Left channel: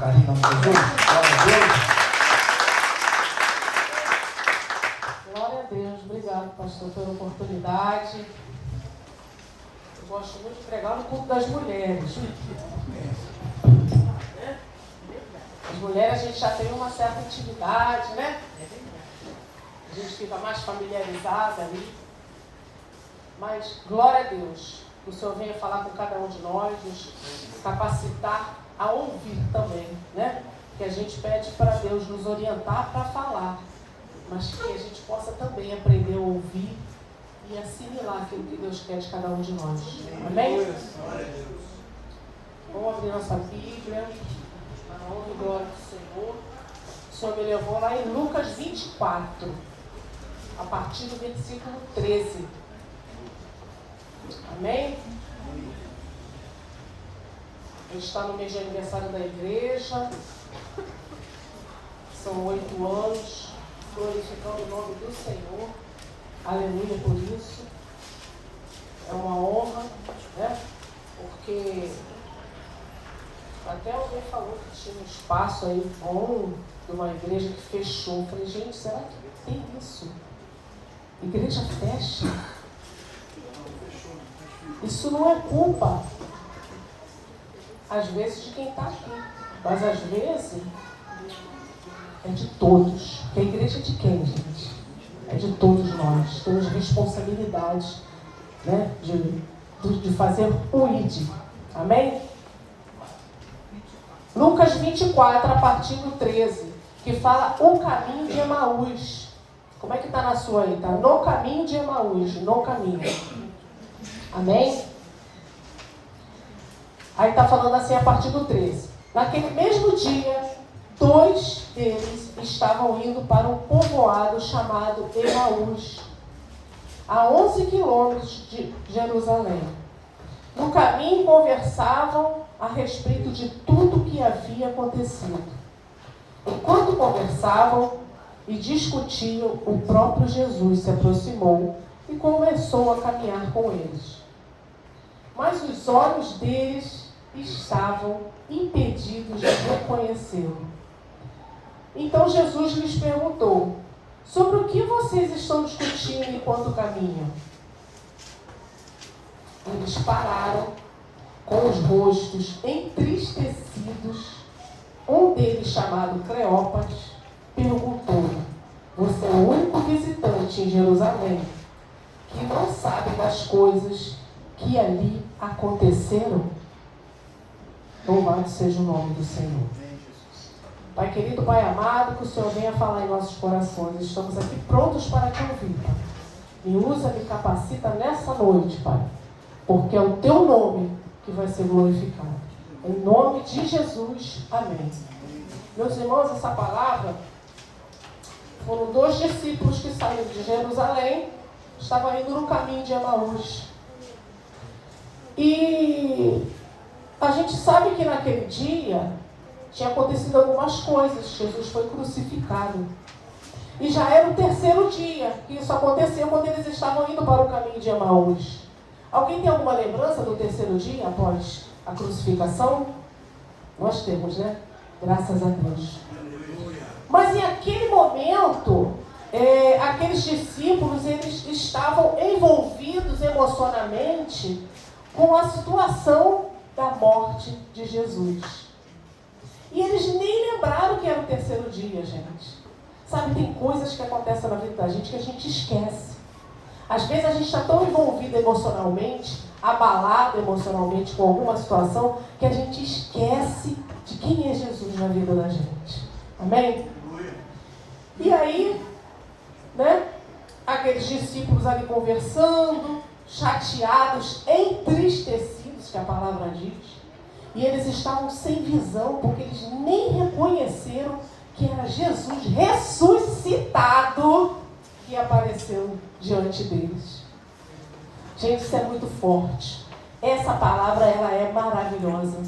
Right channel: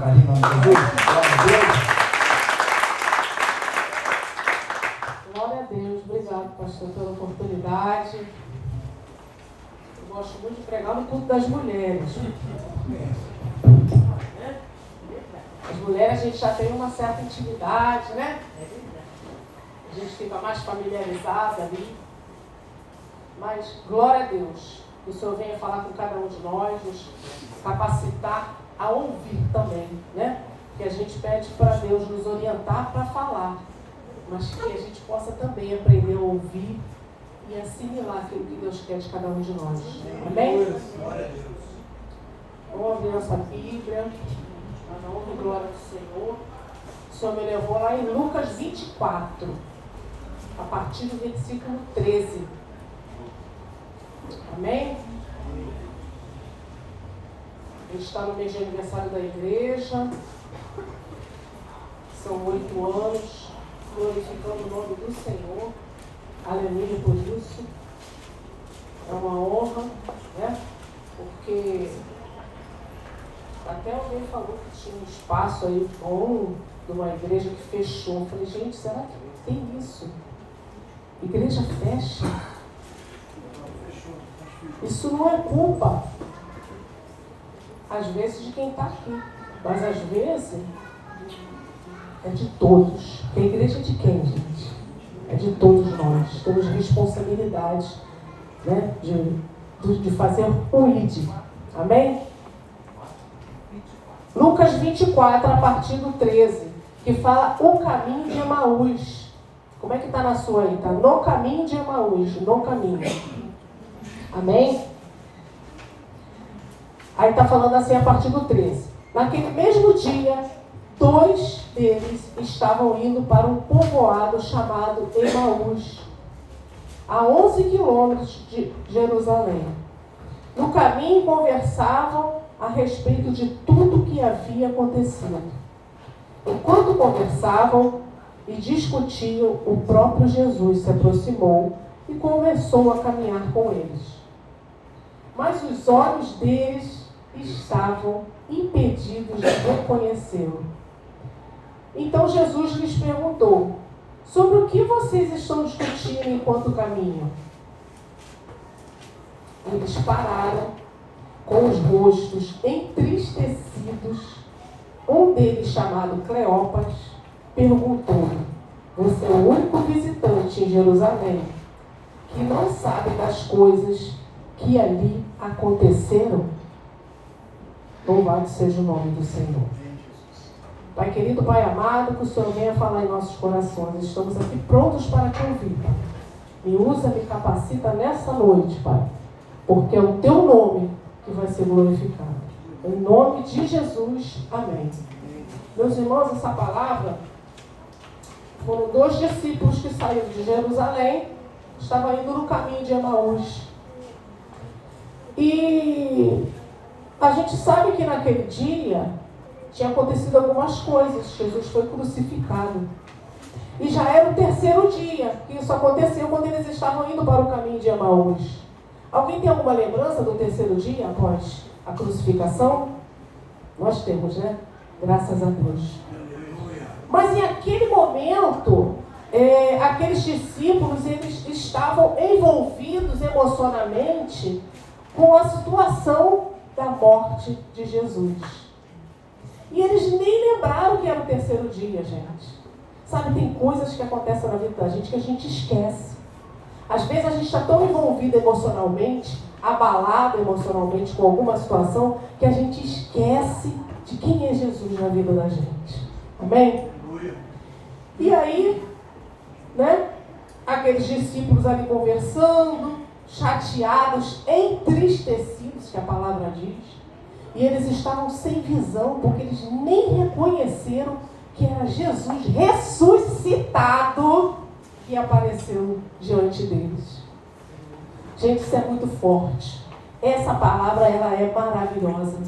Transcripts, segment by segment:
carinho, em nome de Jesus. Glória a Deus. Glória a Deus. Obrigado, pastor, pela oportunidade. Eu gosto muito de pregar no culto das mulheres. As mulheres, a gente já tem uma certa intimidade, né? A gente fica mais familiarizada ali. Mas, glória a Deus, que o Senhor venha falar com cada um de nós, nos capacitar a ouvir também, né? Que a gente pede para Deus nos orientar para falar, mas que a gente possa também aprender a ouvir e assimilar aquilo que Deus quer de cada um de nós. Amém? Vamos abrir nossa Bíblia, para a honra e glória do Senhor. O Senhor me levou lá em Lucas 24, a partir do versículo 13. Amém? A gente está no mês de aniversário da igreja. São 8 anos, glorificando o nome do Senhor. Aleluia por isso. É uma honra, né? Porque até alguém falou que tinha um espaço aí bom de uma igreja que fechou. Eu falei, gente, será que tem isso? Igreja fecha? Isso não é culpa, às vezes, de quem está aqui, mas às vezes é de todos. Porque a igreja é de quem, gente? É de todos nós. Temos responsabilidade, né, de fazer o ID. Amém? Lucas 24, a partir do 13, que fala o caminho de Emaús. Como é que está na sua aí? Está no caminho de Emaús, no caminho. Amém? Aí está falando assim a partir do 13. Naquele mesmo dia, 2 deles estavam indo para um povoado chamado Emaús, a 11 quilômetros de Jerusalém. No caminho conversavam a respeito de tudo o que havia acontecido. Enquanto conversavam e discutiam, o próprio Jesus se aproximou e começou a caminhar com eles. Mas os olhos deles estavam impedidos de reconhecê-lo. Então Jesus lhes perguntou: sobre o que vocês estão discutindo enquanto caminham? Eles pararam com os rostos entristecidos. Um deles, chamado Cleópas, perguntou-lhe: você é o único visitante em Jerusalém que não sabe das coisas que ali aconteceram? Louvado seja o nome do Senhor. Pai querido, Pai amado, que o Senhor venha falar em nossos corações. Estamos aqui prontos para te ouvir, Pai. Me usa, me capacita nessa noite, Pai, porque é o teu nome que vai ser glorificado. Em nome de Jesus, amém. Meus irmãos, essa palavra, foram 2 discípulos que saíram de Jerusalém, estavam indo no caminho de Emaús. E a gente sabe que naquele dia tinha acontecido algumas coisas. Jesus foi crucificado. E já era o 3º dia que isso aconteceu, quando eles estavam indo para o caminho de Emaús. Alguém tem alguma lembrança do 3º dia após a crucificação? Nós temos, né? Graças a Deus. Mas em aquele momento, aqueles discípulos, eles estavam envolvidos emocionalmente com a situação da morte de Jesus. E eles nem lembraram que era o 3º dia, gente. Sabe, tem coisas que acontecem na vida da gente que a gente esquece. Às vezes a gente está tão envolvido emocionalmente, abalado emocionalmente com alguma situação, que a gente esquece de quem é Jesus na vida da gente. Amém? E aí, né, aqueles discípulos ali conversando, chateados, entristecidos, que a palavra diz, e eles estavam sem visão, porque eles nem reconheceram que era Jesus ressuscitado que apareceu diante deles. Gente, isso é muito forte. Essa palavra, ela é maravilhosa.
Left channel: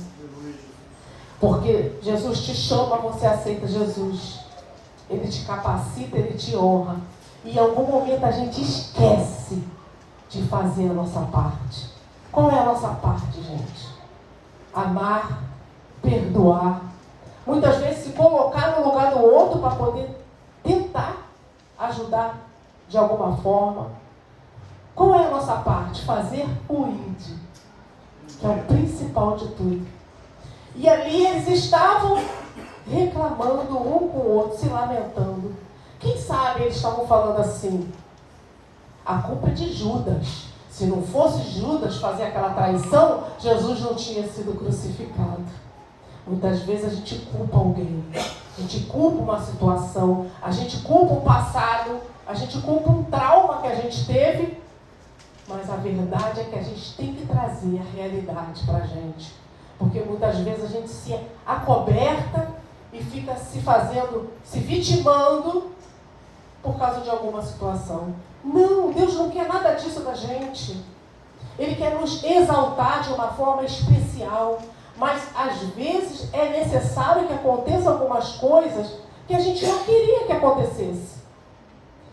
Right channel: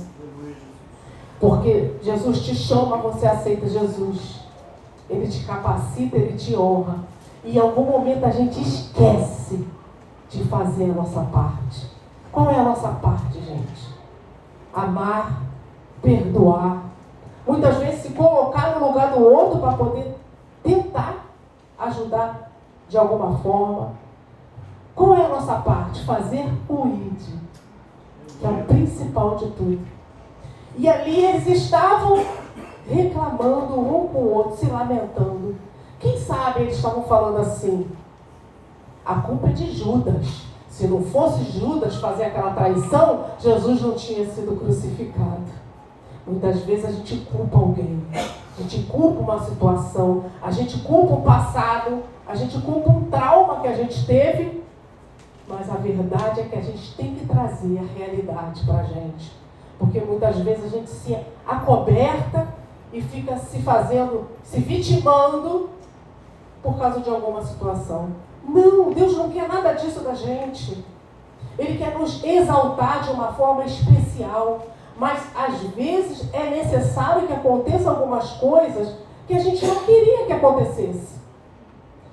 Porque Jesus te chama, você aceita Jesus. Ele te capacita, ele te honra. E em algum momento a gente esquece de fazer a nossa parte. Qual é a nossa parte, gente? Amar, perdoar, Muitas vezes se colocar no lugar do outro para poder tentar ajudar de alguma forma. Qual é a nossa parte? Fazer o ID, que é o principal de tudo. E ali eles estavam reclamando um com o outro, se lamentando. Quem sabe eles estavam falando assim: a culpa é de Judas. Se não fosse Judas fazer aquela traição, Jesus não tinha sido crucificado. Muitas vezes a gente culpa alguém, a gente culpa uma situação, a gente culpa um passado, a gente culpa um trauma que a gente teve, mas a verdade é que a gente tem que trazer a realidade para a gente. Porque muitas vezes a gente se acoberta e fica se vitimando por causa de alguma situação. Não, Deus não quer nada disso da gente. Ele quer nos exaltar de uma forma especial. Mas às vezes é necessário que aconteçam algumas coisas que a gente não queria que acontecesse.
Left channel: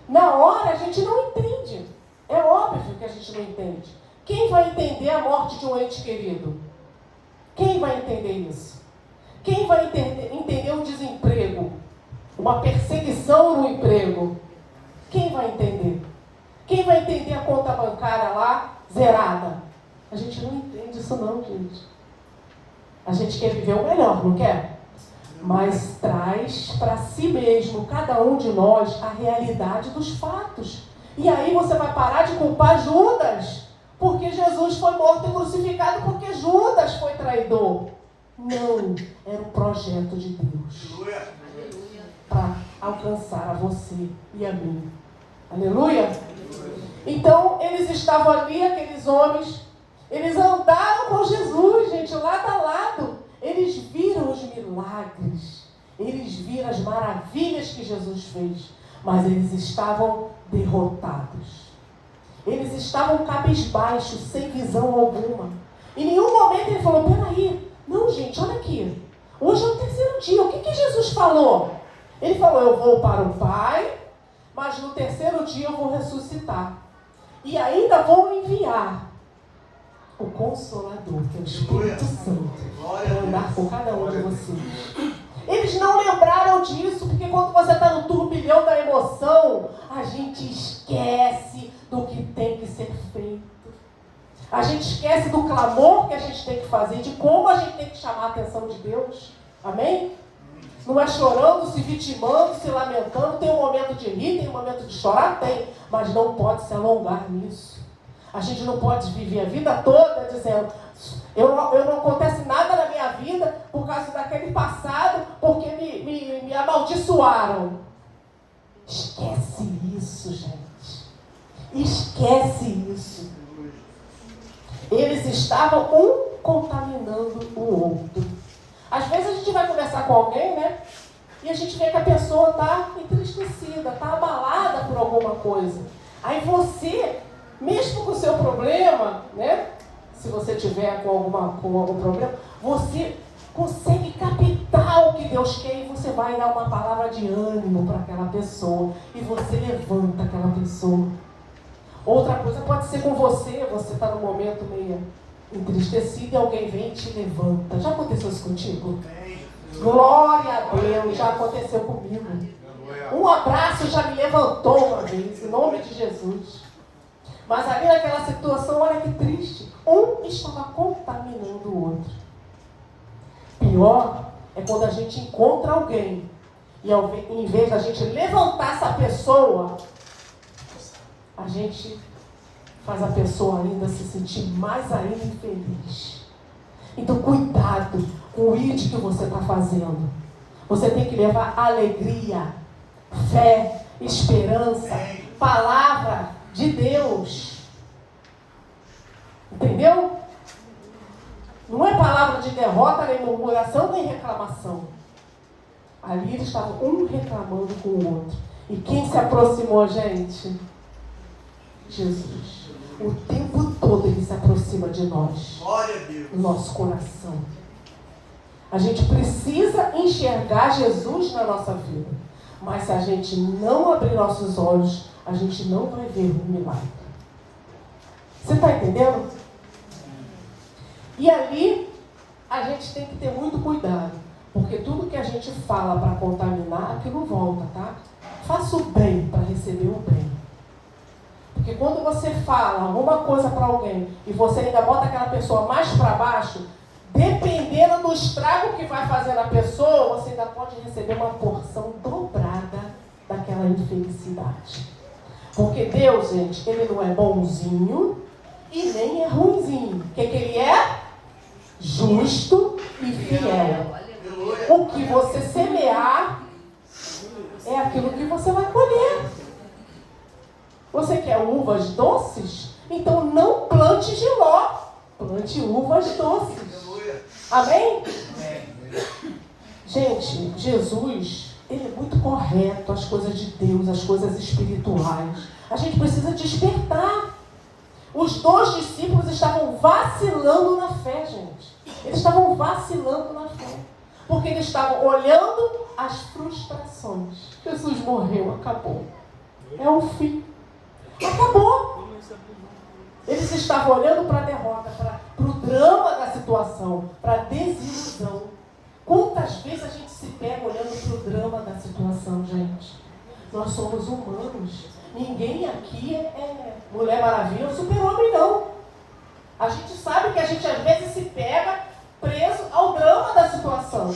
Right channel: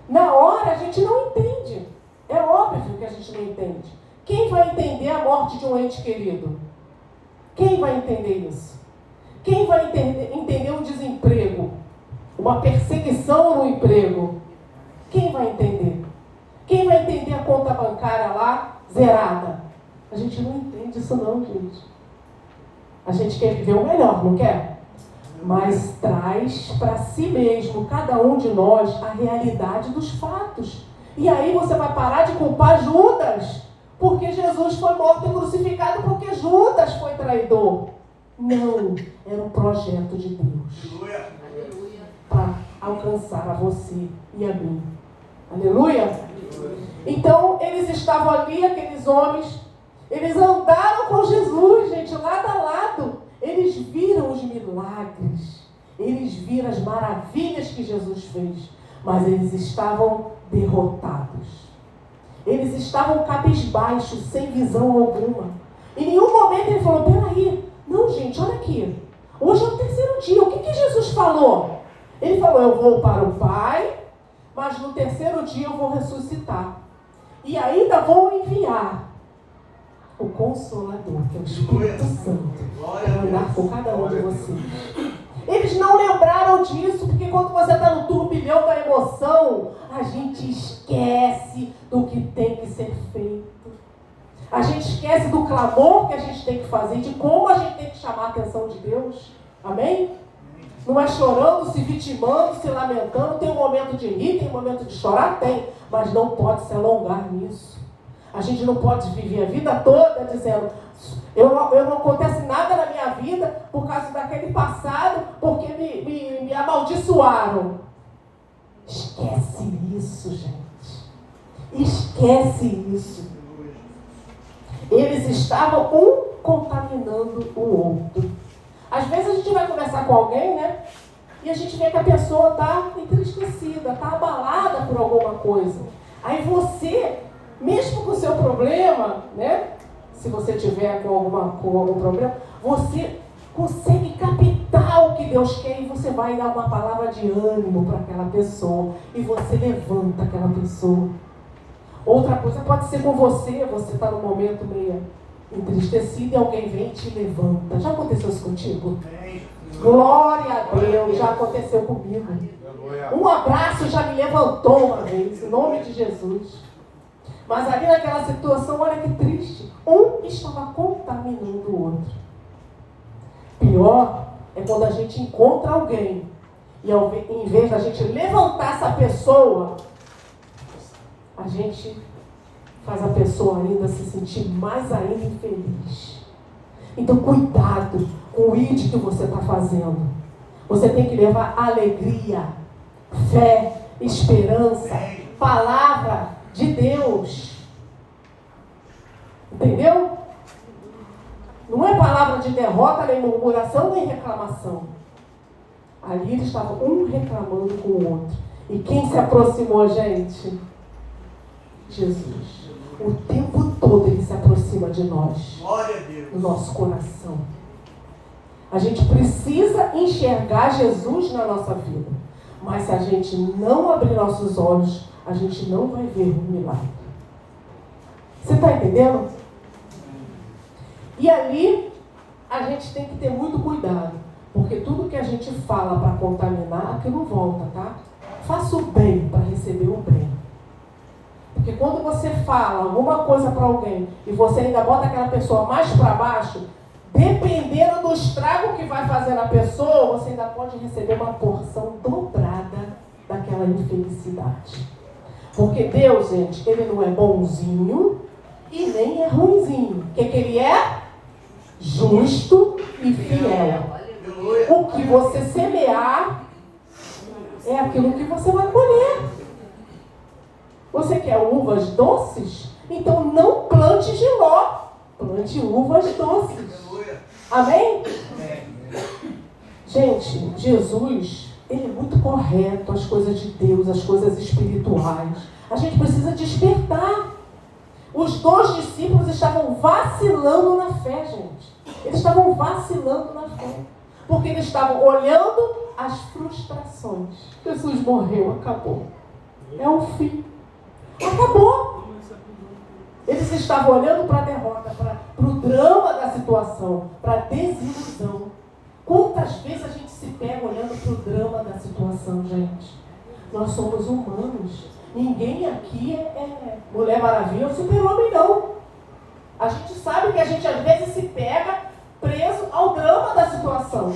Na hora a gente não entende. É óbvio que a gente não entende. Quem vai entender a morte de um ente querido? Quem vai entender isso? Quem vai entender um desemprego? Uma perseguição no emprego? Quem vai entender? Quem vai entender a conta bancária lá zerada? A gente não entende isso não, gente. A gente quer viver o melhor, não quer? Mas traz para si mesmo, cada um de nós, a realidade dos fatos. E aí você vai parar de culpar Judas, porque Jesus foi morto e crucificado porque Judas foi traidor. Não, era um projeto de Deus para alcançar a você e a mim. Aleluia? Então, eles estavam ali, aqueles homens, eles andaram com Jesus, gente, lado a lado. Eles viram os milagres, eles viram as maravilhas que Jesus fez, mas eles estavam derrotados. Eles estavam cabisbaixos, sem visão alguma. Em nenhum momento ele falou: peraí, não, gente, olha aqui. Hoje é o terceiro dia, o que Jesus falou? Ele falou: eu vou para o Pai, mas no terceiro dia eu vou ressuscitar. E ainda vou enviar o Consolador, que é o Espírito Santo, para andar com cada um de vocês. Eles não lembraram disso, porque quando você está no turbilhão da emoção, a gente esquece do que tem que ser feito. A gente esquece do clamor que a gente tem que fazer, de como a gente tem que chamar a atenção de Deus. Amém? Não é chorando, se vitimando, se lamentando. Tem um momento de rir, tem um momento de chorar, tem. Mas não pode se alongar nisso. A gente não pode viver a vida toda dizendo: não acontece nada na minha vida por causa daquele passado, porque me amaldiçoaram. Esquece isso, gente. Esquece isso. Eles estavam um contaminando o outro. Às vezes a gente vai conversar com alguém, né? E a gente vê que a pessoa está entristecida, está abalada por alguma coisa. Aí você, mesmo com o seu problema, né? Se você tiver com algum problema, você consegue captar o que Deus quer e você vai dar uma palavra de ânimo para aquela pessoa. E você levanta aquela pessoa. Outra coisa pode ser com você está num momento meio entristecido e alguém vem e te levanta. Já aconteceu isso contigo? Glória a Deus, já aconteceu comigo. Um abraço já me levantou uma vez, em nome de Jesus. Mas ali naquela situação, olha que triste. Um estava contaminando o outro. Pior é quando a gente encontra alguém e em vez da gente levantar essa pessoa, a gente faz a pessoa ainda se sentir mais ainda infeliz. Então cuidado com o ID que você está fazendo. Você tem que levar alegria, fé, esperança, palavra de Deus. Entendeu? Não é palavra de derrota, nem murmuração, nem reclamação. Ali eles estavam um reclamando com o outro. E quem se aproximou, gente? Jesus. O tempo todo ele se aproxima de nós. Glória a Deus. No nosso coração. A gente precisa enxergar Jesus na nossa vida. Mas se a gente não abrir nossos olhos, a gente não vai ver um milagre. Você está entendendo? E ali, a gente tem que ter muito cuidado. Porque tudo que a gente fala para contaminar, aquilo volta, tá? Faça o bem para receber o bem. Porque quando você fala alguma coisa para alguém e você ainda bota aquela pessoa mais para baixo, dependendo do estrago que vai fazer na pessoa, você ainda pode receber uma porção dobrada daquela infelicidade. Porque Deus, gente, Ele não é bonzinho e nem é ruinzinho. O que Ele é? Justo e fiel. O que você semear é aquilo que você vai colher. Você quer uvas doces? Então não plante giló, plante uvas doces. Amém? Gente, Jesus, Ele é muito correto, as coisas de Deus, as coisas espirituais. A gente precisa despertar. Os 2 discípulos estavam vacilando na fé, gente. Eles estavam vacilando na fé. Porque eles estavam olhando as frustrações. Jesus morreu, acabou. É o fim. Acabou. Eles estavam olhando para a derrota, para o drama da situação, para a desilusão. Quantas vezes a gente se pega olhando para o drama da situação, gente? Nós somos humanos. Ninguém aqui é Mulher Maravilha ou Super-Homem, não. A gente sabe que a gente às vezes se pega preso ao drama da situação.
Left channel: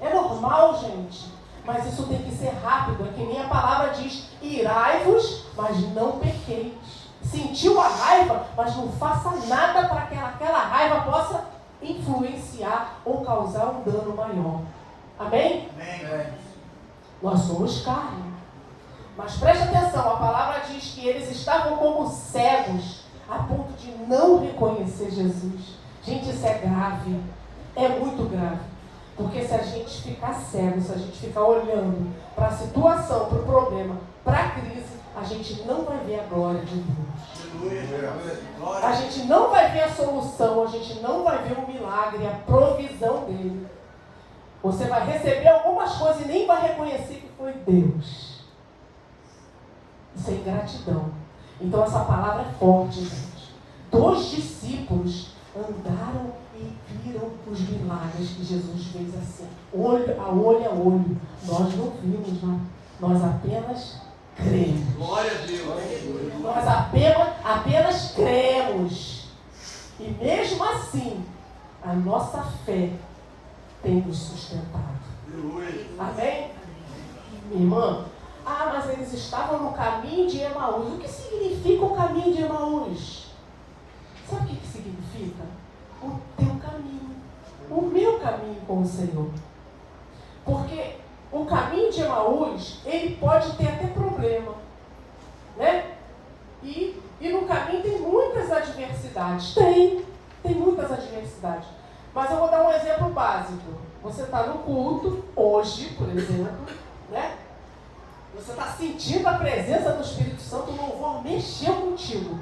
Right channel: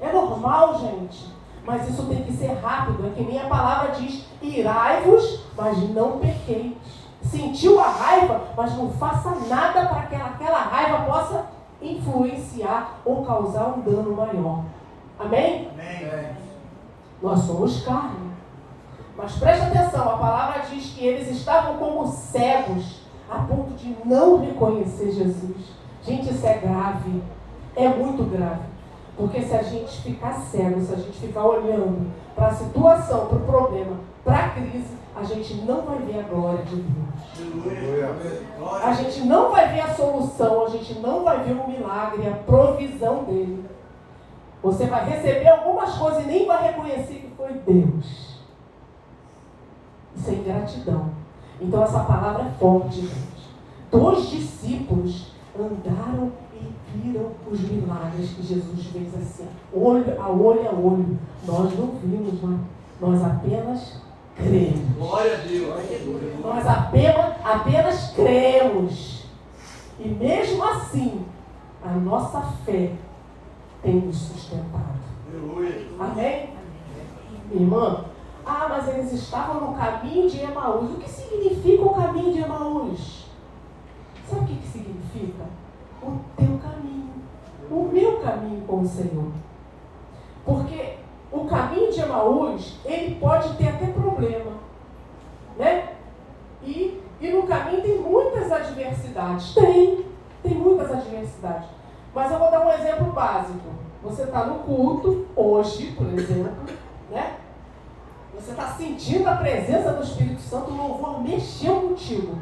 É normal, gente. Mas isso tem que ser rápido. É que nem a palavra diz: irai-vos, mas não pequeis. Sentiu a raiva, mas não faça nada para que aquela raiva possa influenciar ou causar um dano maior. Amém? Amém. Nós somos carne. Mas preste atenção, a palavra diz que eles estavam como cegos, a ponto de não reconhecer Jesus. Gente, isso é grave. É muito grave. Porque se a gente ficar cego, se a gente ficar olhando para a situação, para o problema, para a crise, a gente não vai ver a glória de Deus. A gente não vai ver a solução, a gente não vai ver o milagre, a provisão dele. Você vai receber algumas coisas e nem vai reconhecer que foi Deus. Isso é ingratidão. Então essa palavra é forte, gente. 2 discípulos andaram e viram os milagres que Jesus fez assim, olho a olho. Nós não vimos, nós apenas cremos. Glória a Deus. Nós apenas cremos. E mesmo assim, a nossa fé tem nos sustentado. Amém? Minha irmã, mas eles estavam no caminho de Emaús. O que significa o caminho de Emaús? Sabe o que significa? O teu caminho. O meu caminho com o Senhor. Porque o caminho de Emaús, ele pode ter até problema. Né? E no caminho tem muitas adversidades. Tem muitas adversidades. Mas eu vou dar um exemplo básico. Você está no culto, hoje, por exemplo, né? Você está sentindo a presença do Espírito Santo, o louvor mexeu contigo.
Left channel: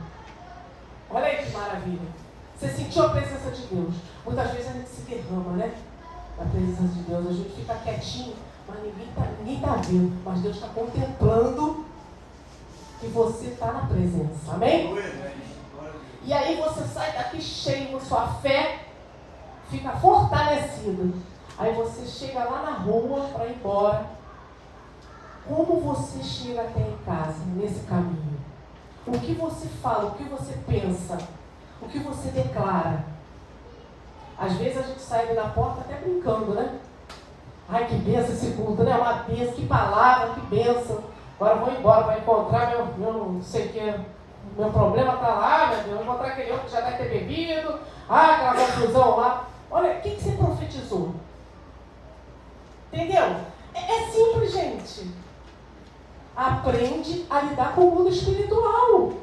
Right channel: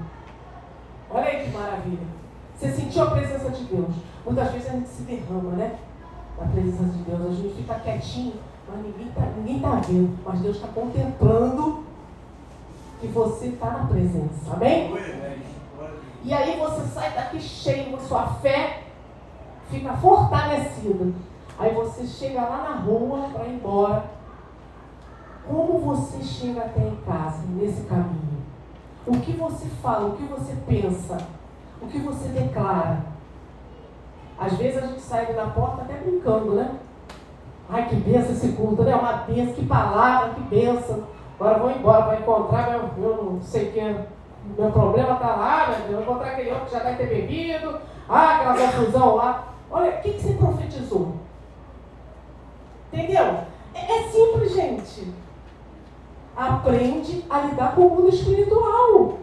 Olha aí que maravilha. Você sentiu a presença de Deus. Muitas vezes a gente se derrama, né? Na presença de Deus. A gente fica quietinho, mas ninguém está vendo. Mas Deus está contemplando que você está na presença. Amém? E aí você sai daqui cheio, a sua fé fica fortalecida. Aí você chega lá na rua para ir embora. Como você chega até em casa, nesse caminho? O que você fala, o que você pensa, o que você declara? Às vezes a gente sai na porta até brincando, né? Ai, que benção esse culto, né? Uma benção, que palavra, que benção. Agora eu vou embora, vai encontrar meu não sei o que, meu problema está lá, meu Deus, vou encontrar aquele outro que já deve ter bebido, aquela confusão lá. Olha, o que você profetizou? Entendeu? É simples, gente. Aprende a lidar com o mundo espiritual.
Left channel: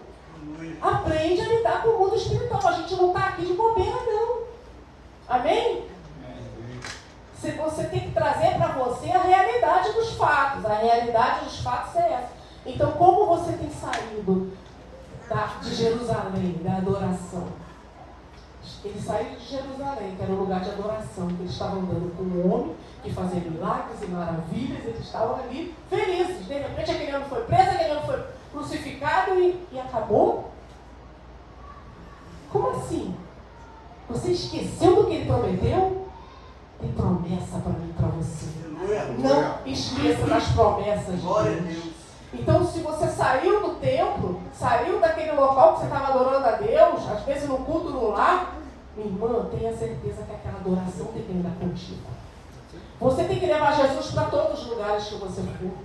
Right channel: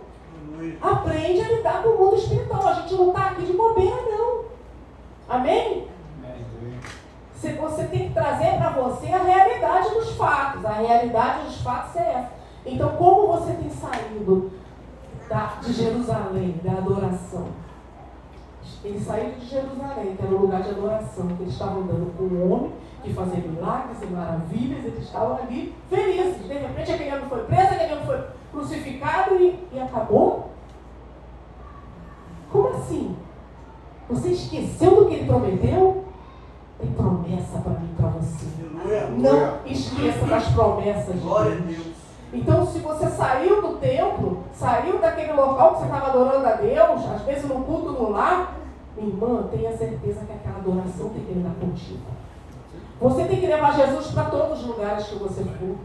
Aprende a lidar com o mundo espiritual. A gente não está aqui de bobeira, não. Amém? Você tem que trazer para você a realidade dos fatos. A realidade dos fatos é essa. Então, como você tem saído de Jerusalém, da adoração? Eles saíram de Jerusalém, que era um lugar de adoração, que eles estavam andando com um homem que fazia milagres e maravilhas, eles estavam ali felizes. De repente, aquele homem foi preso, aquele homem foi crucificado e acabou? Como assim? Você esqueceu do que ele prometeu? tem promessa para mim e para você. Não esqueça das promessas de Deus. Então, se você saiu do templo, saiu daquele local que você estava adorando a Deus, às vezes no culto no lar, minha irmã, tenha certeza que aquela adoração tem que andar contigo. Você tem que levar Jesus para todos os lugares que você for.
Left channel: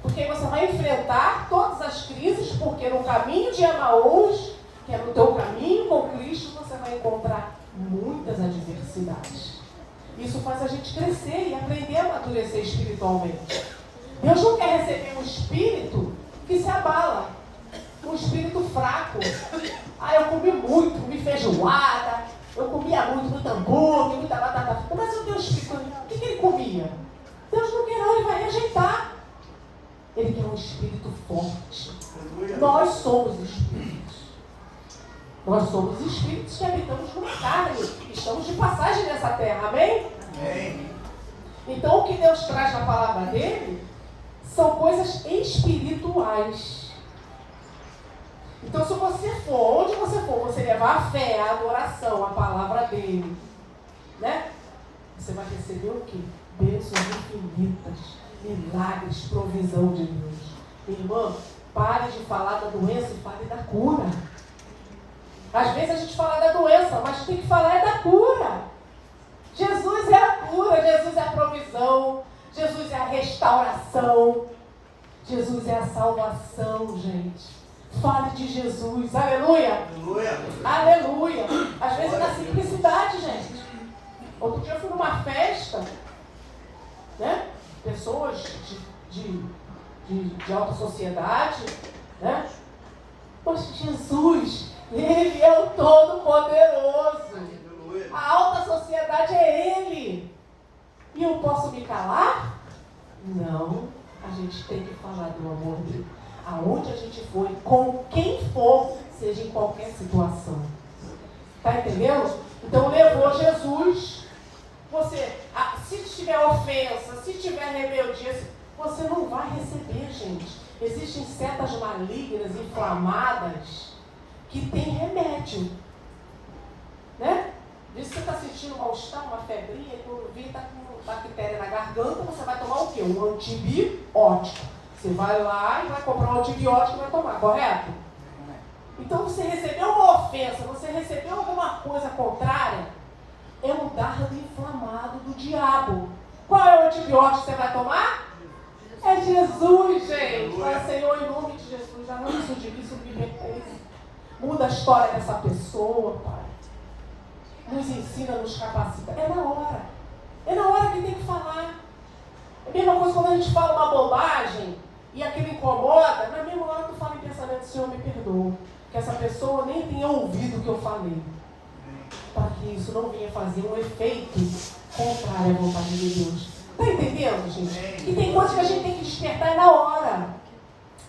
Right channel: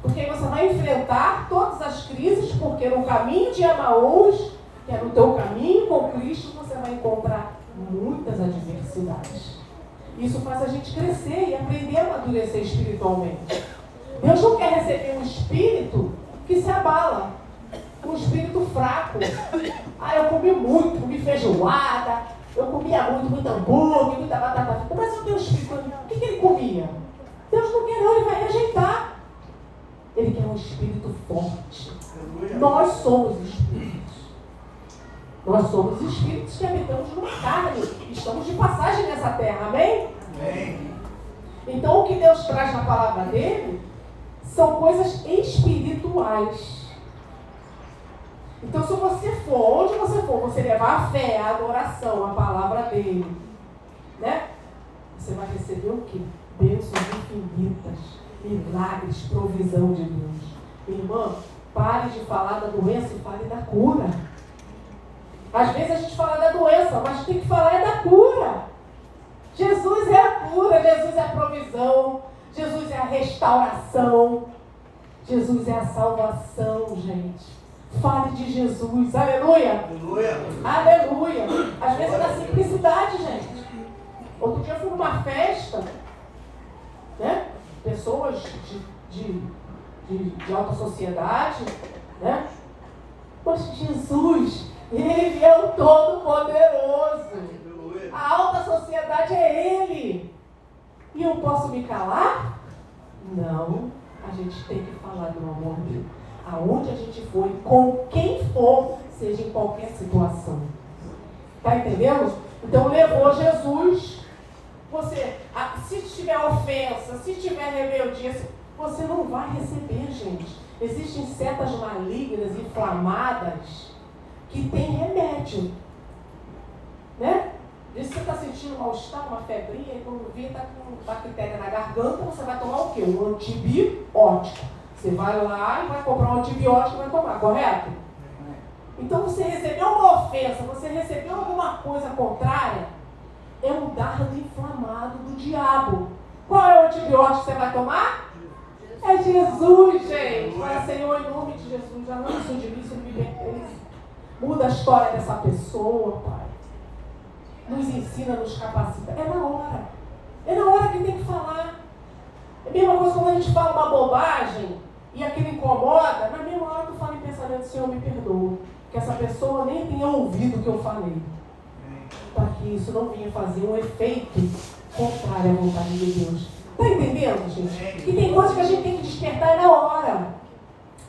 Porque você vai enfrentar todas as crises, porque no caminho de Emaús, que é no teu caminho com Cristo, você vai encontrar muitas adversidades. Isso faz a gente crescer e aprender a amadurecer espiritualmente. Deus não quer receber um espírito que se abala, um espírito fraco. Eu comi muito, comi feijoada, eu comia muito hambúrguer, muita batata frita, mas eu tenho um espírito. O que ele comia? Deus não quer não, ele vai rejeitar. Ele quer um espírito forte. Nós somos espíritos. Nós somos espíritos que habitamos numa carne. Estamos de passagem nessa terra, amém? Amém. Então o que Deus traz na palavra dele são coisas espirituais. Então se você for, onde você for, você levar a fé, a adoração, a palavra dele, né? Você vai receber o quê? Bênçãos infinitas, milagres, provisão de Deus. Minha irmã, pare de falar da doença e fale da cura. Às vezes a gente fala da doença, mas tem que falar da cura. Jesus é a cura, Jesus é a provisão, Jesus é a restauração, Jesus é a salvação, gente. Fale de Jesus, aleluia. Aleluia. Aleluia. Às vezes é na simplicidade, gente. Outro dia eu fui numa festa, né? Pessoas de alta sociedade, né? Mas Jesus, Ele é o Todo-Poderoso. A alta sociedade é Ele. E eu posso me calar? Não. A gente tem que falar do amor dele. Aonde a gente for, com quem for, seja em qualquer situação. Tá entendendo? Então levou Jesus. Você, se tiver ofensa, se tiver rebeldia, você não vai receber, gente. Existem setas malignas, inflamadas, que tem remédio. Né? Diz que você está sentindo mal-estar, uma febrinha, e quando vir está com bactéria na garganta, você vai tomar o quê? Um antibiótico. Você vai lá e vai comprar um antibiótico e vai tomar, correto? Então você recebeu uma ofensa, você recebeu alguma coisa contrária, é um dardo inflamado do diabo. Qual é o antibiótico que você vai tomar? É Jesus, gente. Fala, Senhor, em nome de Jesus, já não isso de mim, isso me pertence. Muda a história dessa pessoa, Pai. Nos ensina, nos capacita. É na hora. É na hora que tem que falar. É a mesma coisa quando a gente fala uma bobagem e aquilo incomoda, na mesma hora tu fala em pensamento, Senhor, me perdoa. Que essa pessoa nem tenha ouvido o que eu falei. Para que isso não venha fazer um efeito contrário à vontade de Deus. Está entendendo, gente? Que tem coisas que a gente tem que despertar é na hora.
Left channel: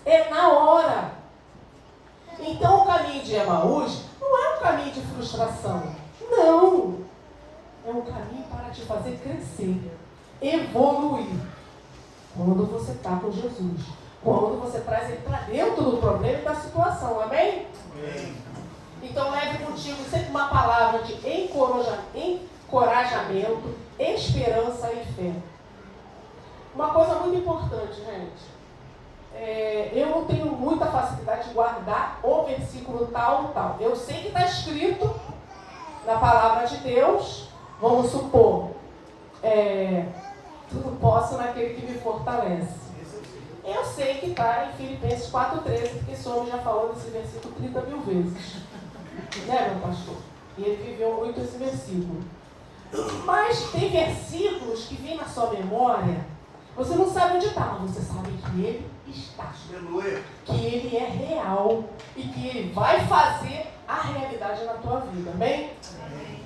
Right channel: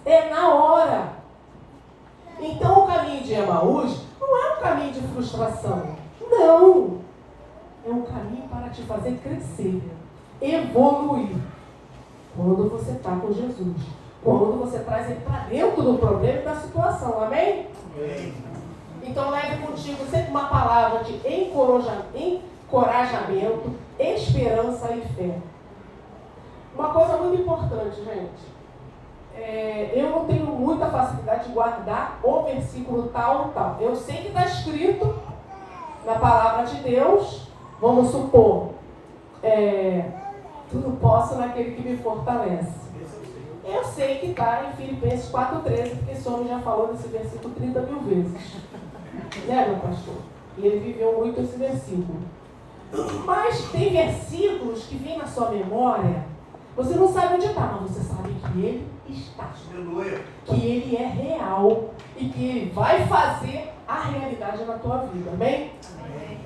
É na hora. Então o caminho de Emaús não é um caminho de frustração. Não. É um caminho para te fazer crescer, evoluir. Quando você está com Jesus. Quando você traz ele para dentro do problema e da situação. Amém? Amém. Então leve contigo sempre uma palavra de encorajamento, esperança e fé. Uma coisa muito importante, gente. Eu não tenho muita facilidade de guardar o versículo tal. Eu sei que está escrito na palavra de Deus. Vamos supor, tudo posso naquele que me fortalece. Eu sei que está em Filipenses 4,13, porque esse homem já falou desse versículo 30 mil vezes. Né, meu pastor? E ele viveu muito esse versículo. Mas tem versículos que vêm na sua memória, você não sabe onde está, mas você sabe que ele está. Que ele é real e que ele vai fazer a realidade na tua vida. Amém? Amém.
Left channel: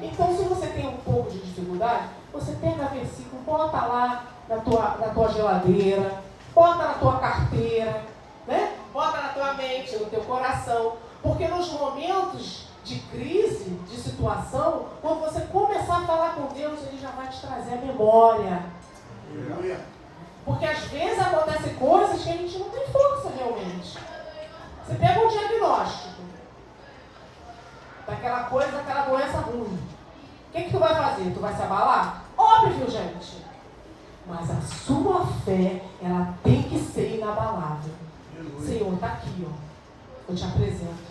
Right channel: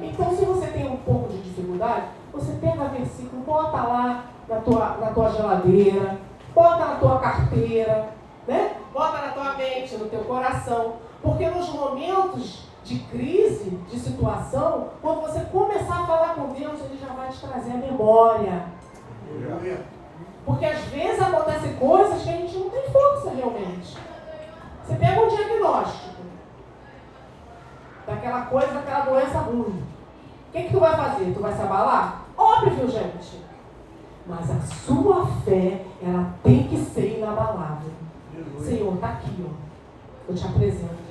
Então, se você tem um pouco de dificuldade, você pega o versículo, bota lá na tua geladeira, bota na tua carteira, né? Bota na tua mente, no teu coração. Porque nos momentos de crise, de situação, quando você começar a falar com Deus, ele já vai te trazer a memória. Porque às vezes acontecem coisas que a gente não tem força realmente. Você pega um diagnóstico daquela coisa, daquela doença ruim. O que tu vai fazer? Tu vai se abalar? Óbvio, gente. Mas a sua fé, ela tem que ser inabalável. Senhor, está aqui, ó. Eu te apresento.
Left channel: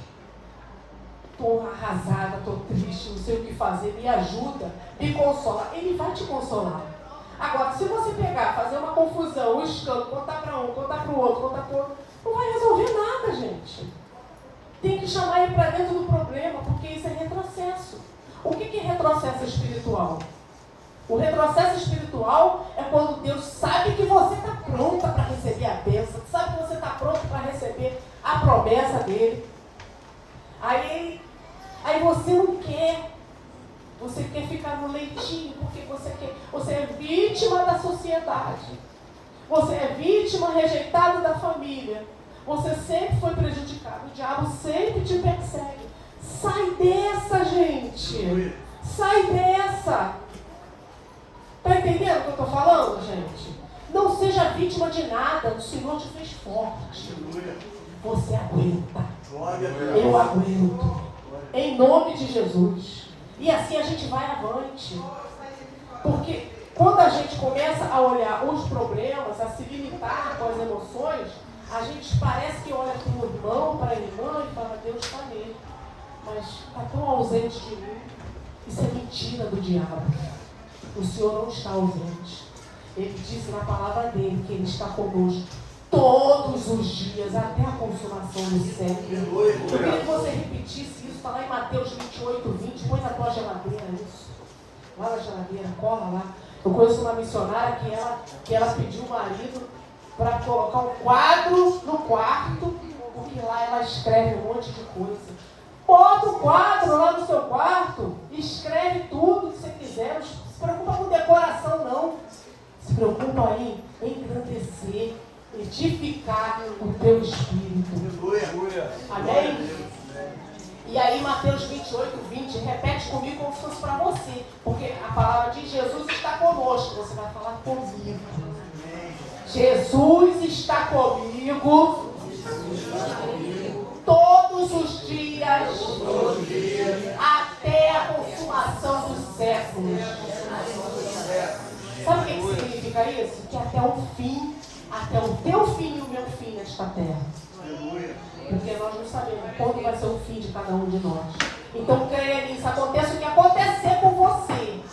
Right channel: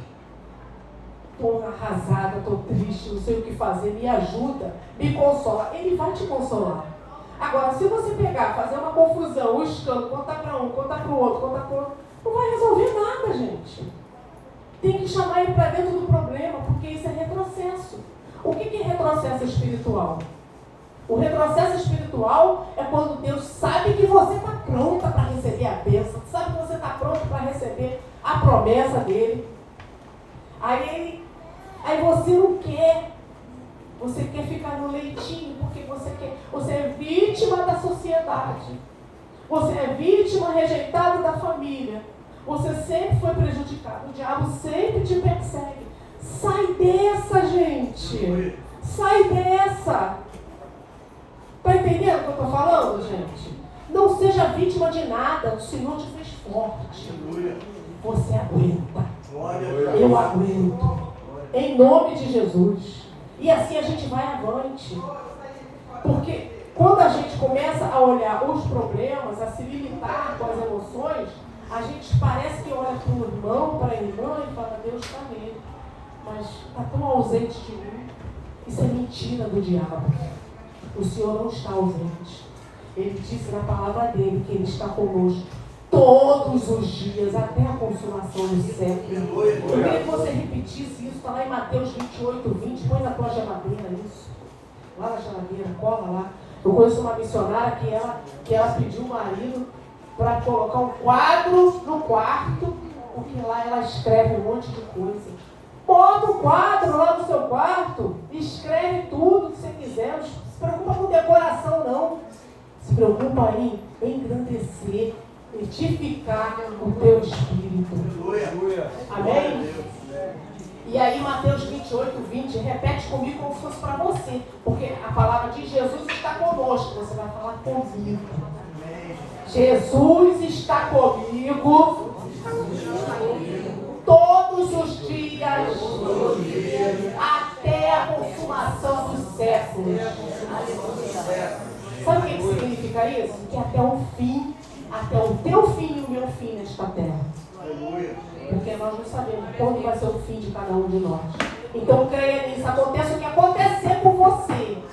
Estou arrasada, estou triste, não sei o que fazer, me ajuda, me consola. Ele vai te consolar. Agora, se você pegar, fazer uma confusão, um escândalo, contar para um, contar para o outro, contar para o outro, não vai resolver nada, gente. Tem que chamar ele para dentro do problema, porque isso é retrocesso. O que é retrocesso espiritual? O retrocesso espiritual é quando Deus sabe que você está pronta para receber a bênção, sabe que você está pronto para receber a promessa dele. Aí você não quer. Você quer ficar no leitinho, porque você é vítima da sociedade. Você é vítima rejeitado da família. Você sempre foi prejudicado. O diabo sempre te persegue. Sai dessa, gente. Sai dessa. Está entendendo o que eu estou falando, gente? Não seja vítima de nada. O Senhor te fez forte. Você aguenta. Eu aguento. Em nome de Jesus. E assim a gente vai avante. Porque quando a gente começa a olhar os problemas, a se limitar com as emoções, a gente parece que olha para o irmão, para a irmã e fala, Deus está nele. Mas está tão ausente de mim. Isso é mentira do diabo. O Senhor não está ausente. Ele disse na palavra dele que Ele está conosco todos os dias, até a consumação do século. Eu queria que você repetisse isso, está lá em Mateus 28, 20, põe na tua geladeira isso. Lá na geladeira, cola lá. Eu conheço uma missionária que ela pediu o marido para colocar um quadro no quarto, porque lá ela escreve um monte de coisa. Bota um quadro lá no seu quarto, escreve tudo que você quiser, não se preocupa com decoração não. Se preocupa em engrandecer, edificar o teu espírito. Amém? E aí Mateus 28, 20, repete comigo como se fosse para você, porque a palavra de Jesus está conosco, você vai falar comigo. Jesus está comigo todos os dias até a consumação dos séculos. Sabe o que significa isso? Que até o fim, até o teu fim e o meu fim nesta terra. Porque nós não sabemos quando vai ser o fim de cada um de nós. Então creia nisso, aconteça o que acontecer com você.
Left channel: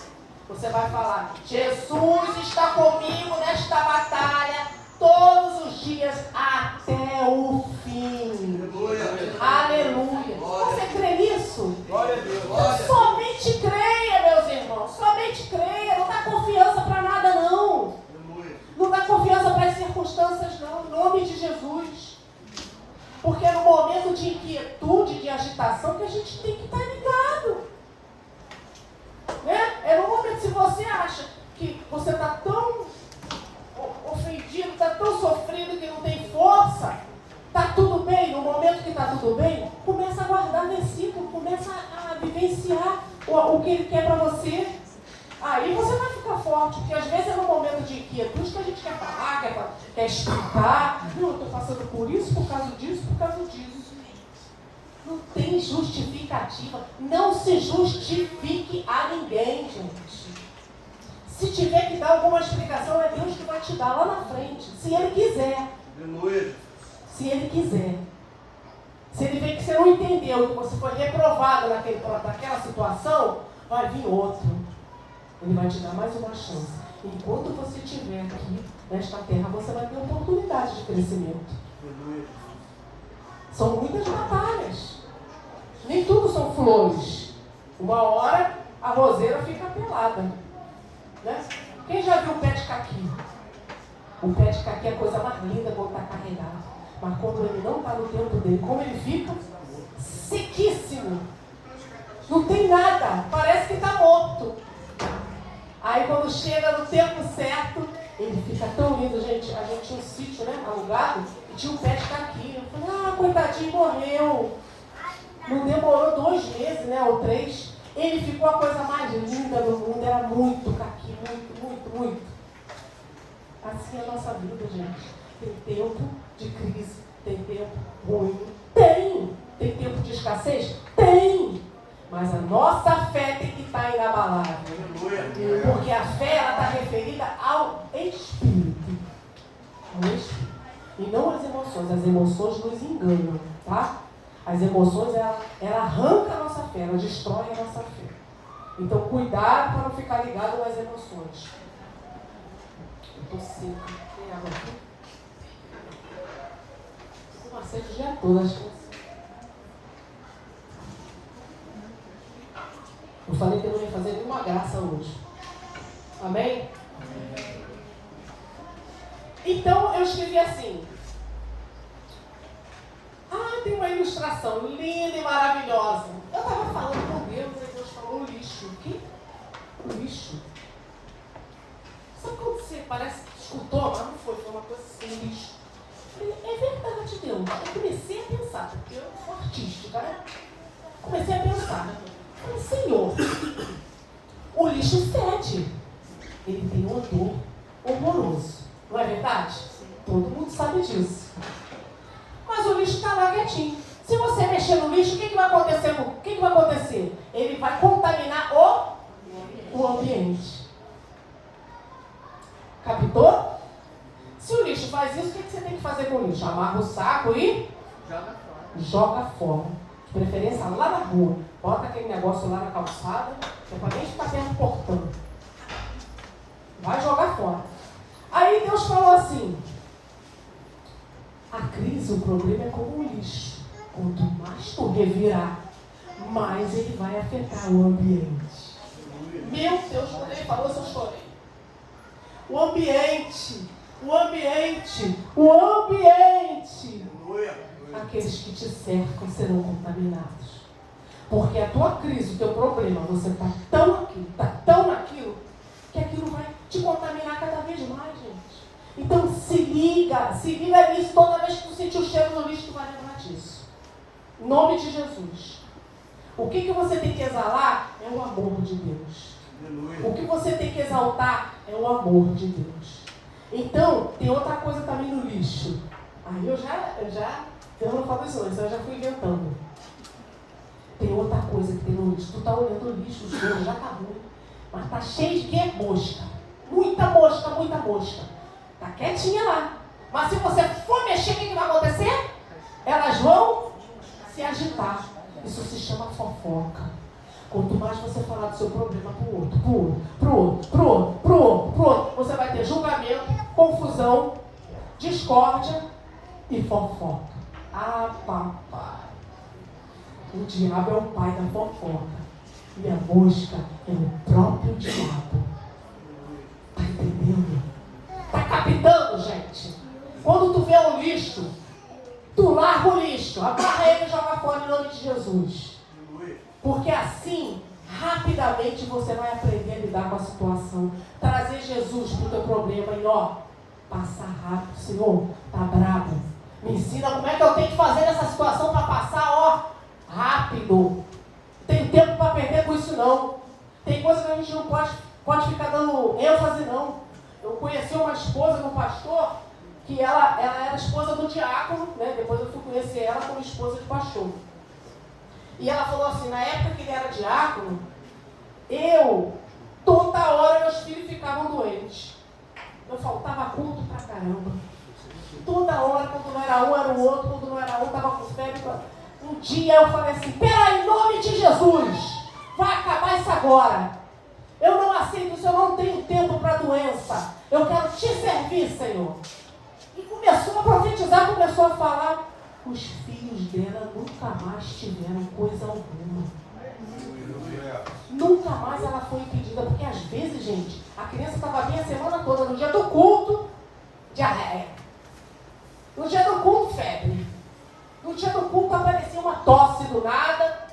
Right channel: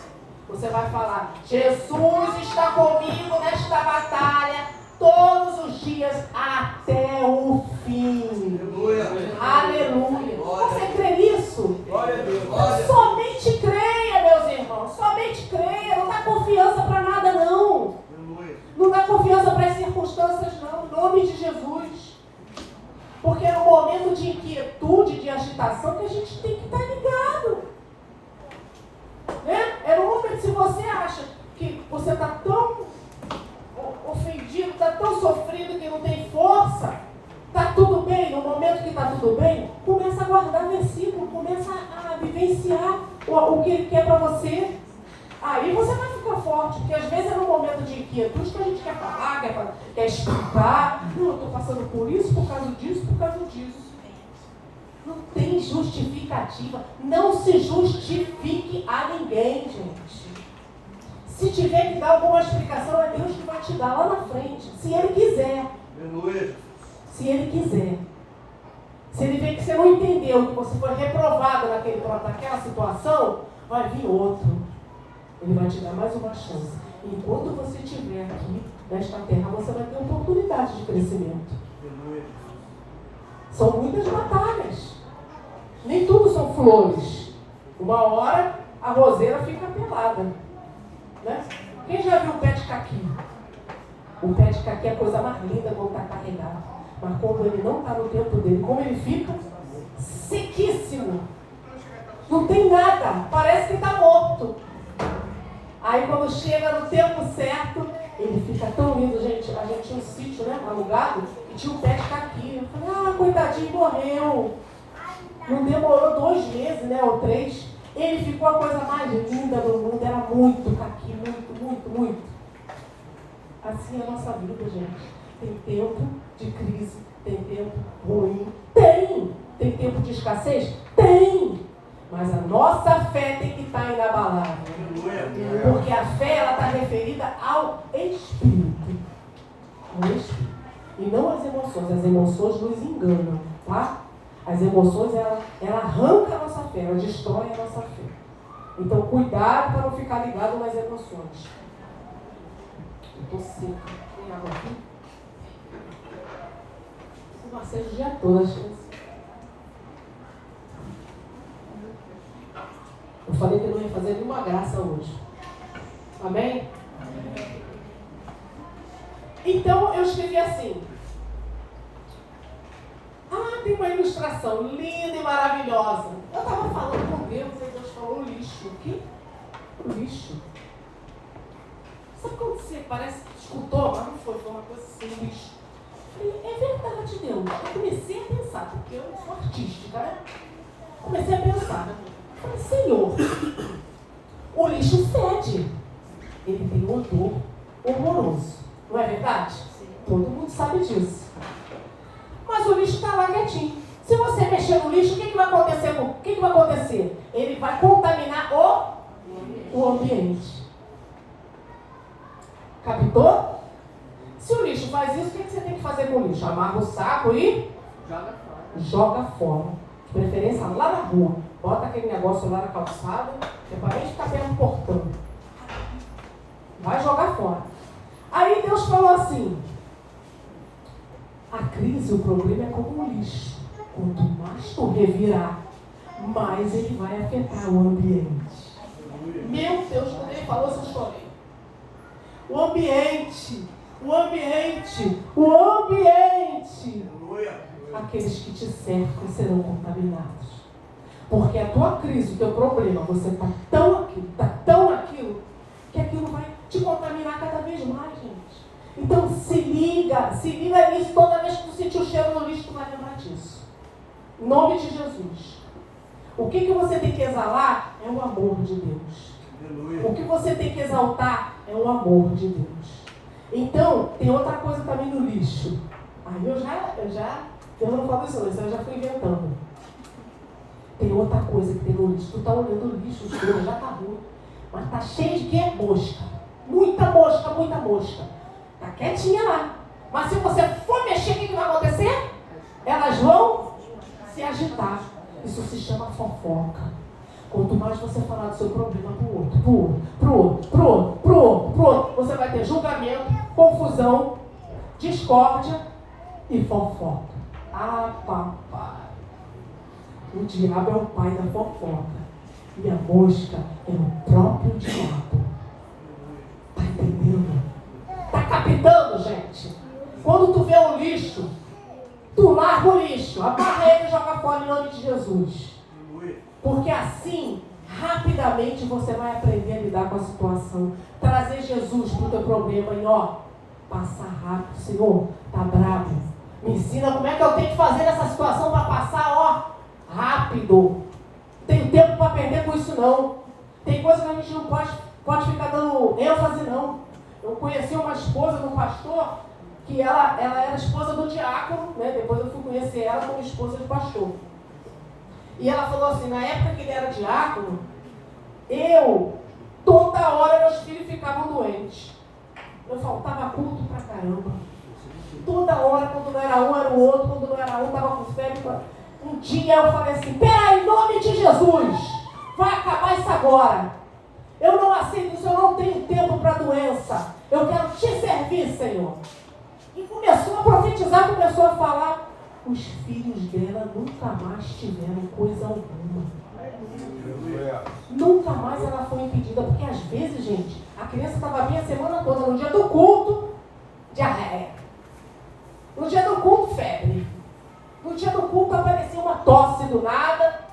Você vai falar, Jesus está comigo nesta batalha todos os dias até o fim. Aleluia. Você crê nisso? Glória a Deus. Somente creia, meus irmãos. Somente creia. Não dá confiança para nada, não. Não dá confiança para as circunstâncias, não. Em nome de Jesus. Porque é no momento de inquietude, de agitação, que a gente tem que estar ligado. Né? É no momento, se você acha que você está tão ofendido, está tão sofrido que não tem força, está tudo bem, no momento que está tudo bem, começa a guardar versículo, começa a vivenciar o que Ele quer para você. Aí você vai ficar forte, porque às vezes é no momento de inquietude que a gente quer falar, quer explicar. Não, eu estou passando por isso, por causa disso, por causa disso. Não tem justificativa. Não se justifique a ninguém, gente. Se tiver que dar alguma explicação, é Deus que vai te dar lá na frente. Se Ele quiser. Aleluia. Se Ele quiser. Se Ele vê que você não entendeu, que você foi reprovado naquela situação, vai vir outro. Ele vai te dar mais uma chance. Enquanto você estiver aqui, nesta terra, você vai ter oportunidade de crescimento. Aleluia. São muitas batalhas. Nem tudo são flores. Uma hora a roseira fica pelada. Né? Quem já viu o pé de caqui? O pé de caqui é a coisa mais linda quando está carregado. Mas quando ele não está no tempo dele, como ele fica? Sequíssimo. Não tem nada. Parece que está morto. Aí quando chega no tempo certo, ele fica tão lindo, gente. A gente tinha um sítio, né, alugado, e tinha um pé de caqui. Eu falei, coitadinho, morreu. Não demorou 2 meses, né, ou 3. Ele ficou a coisa mais linda do mundo. Era muito caqui, muito. Assim é a nossa vida, gente. Tem tempo de crise, tem tempo ruim. Tem tempo de escassez? Tem. Mas a nossa fé tem que estar inabalável. Porque a fé, ela está referida ao Espírito. Ao Espírito. E não às emoções. As emoções nos enganam, tá? As emoções, ela arranca a nossa fé, ela destrói a nossa fé. Então, cuidado para não ficar ligado nas emoções. Eu estou seca. Tem água aqui? Eu passei o dia todo, acho que eu falei que eu não ia fazer nenhuma graça hoje. Amém? Amém. Então, eu escrevi assim. Tem uma ilustração linda e maravilhosa. Eu estava falando com Deus e Deus falou lixo. O quê? Lixo. Sabe quando você parece que escutou? Mas não foi uma coisa assim, lixo. Eu falei, é verdade, Deus. Eu comecei a pensar, porque eu sou artística, né? Comecei a pensar. Eu falei, Senhor, o lixo fede. Ele tem um odor horroroso. Não é verdade? Todo mundo sabe disso. Mas o lixo está lá quietinho. Se você mexer no lixo, o que vai acontecer? O que vai acontecer? Ele vai contaminar o ambiente. Captou? Se o lixo faz isso, o que você tem que fazer com o lixo? Amarra o saco e joga fora. De preferência lá na rua. Bota aquele negócio lá na calçada, que é para nem ficar dentro do portão. Vai jogar fora. Aí Deus falou assim: a crise, o problema é como um lixo. Quanto mais tu revirar, mais ele vai afetar o ambiente. Meu Deus, quando ele falou isso, eu chorei. O ambiente. Aqueles que te cercam serão contaminados. Porque a tua crise, o teu problema, você está tão naquilo, que aquilo vai te contaminar cada vez mais, gente. Então se liga nisso. Toda vez que tu sentir o cheiro no lixo, tu vai lembrar disso. Em nome de Jesus. O que você tem que exalar é o amor de Deus. Aleluia. O que você tem que exaltar é o amor de Deus. Então, tem outra coisa também no lixo. Aí eu não falo isso eu já fui inventando. Tem outra coisa que tem no lixo. Tu tá olhando o lixo, o cheiro já tá ruim. Mas tá cheio de quê? Mosca. Muita mosca. Tá quietinha lá. Mas se você for mexer, o que vai acontecer? Elas vão se agitar. Isso se chama fofoca. Quanto mais você falar do seu problema pro outro, você vai ter julgamento, confusão, discórdia e fofoca. Ah, papai. O diabo é o pai da fofoca. E a mosca é o próprio diabo. Tá entendendo? Tá captando, gente? Quando tu vê o lixo, tu larga o lixo, amarra ele e joga fora em nome de Jesus. Porque assim, rapidamente você vai aprender a lidar com a situação. Trazer Jesus pro teu problema e passar rápido. Senhor, tá bravo. Me ensina como é que eu tenho que fazer nessa situação para passar, rápido. Não tenho tempo para perder com isso, não. Tem coisa que a gente não pode ficar dando ênfase, não. Eu conheci uma esposa do pastor, que ela era esposa do diácono, né? Depois eu fui conhecer ela como esposa de pastor. E ela falou assim, na época que ele era diácono, toda hora meus filhos ficavam doentes. Eu faltava culto pra caramba. Toda hora, quando não era um, era o outro, quando não era um, estava com febre. Um dia eu falei assim, peraí, em nome de Jesus, vai acabar isso agora. Eu não aceito isso, eu não tenho tempo para doença. Eu quero te servir, Senhor. E começou a profetizar, começou a falar. Os filhos dela nunca mais tiveram coisa alguma. Nunca mais ela foi impedida. Porque às vezes, gente, a criança estava bem a semana toda. No dia do culto, diarreia. No dia do culto, febre. No dia do culto aparecia uma tosse do nada.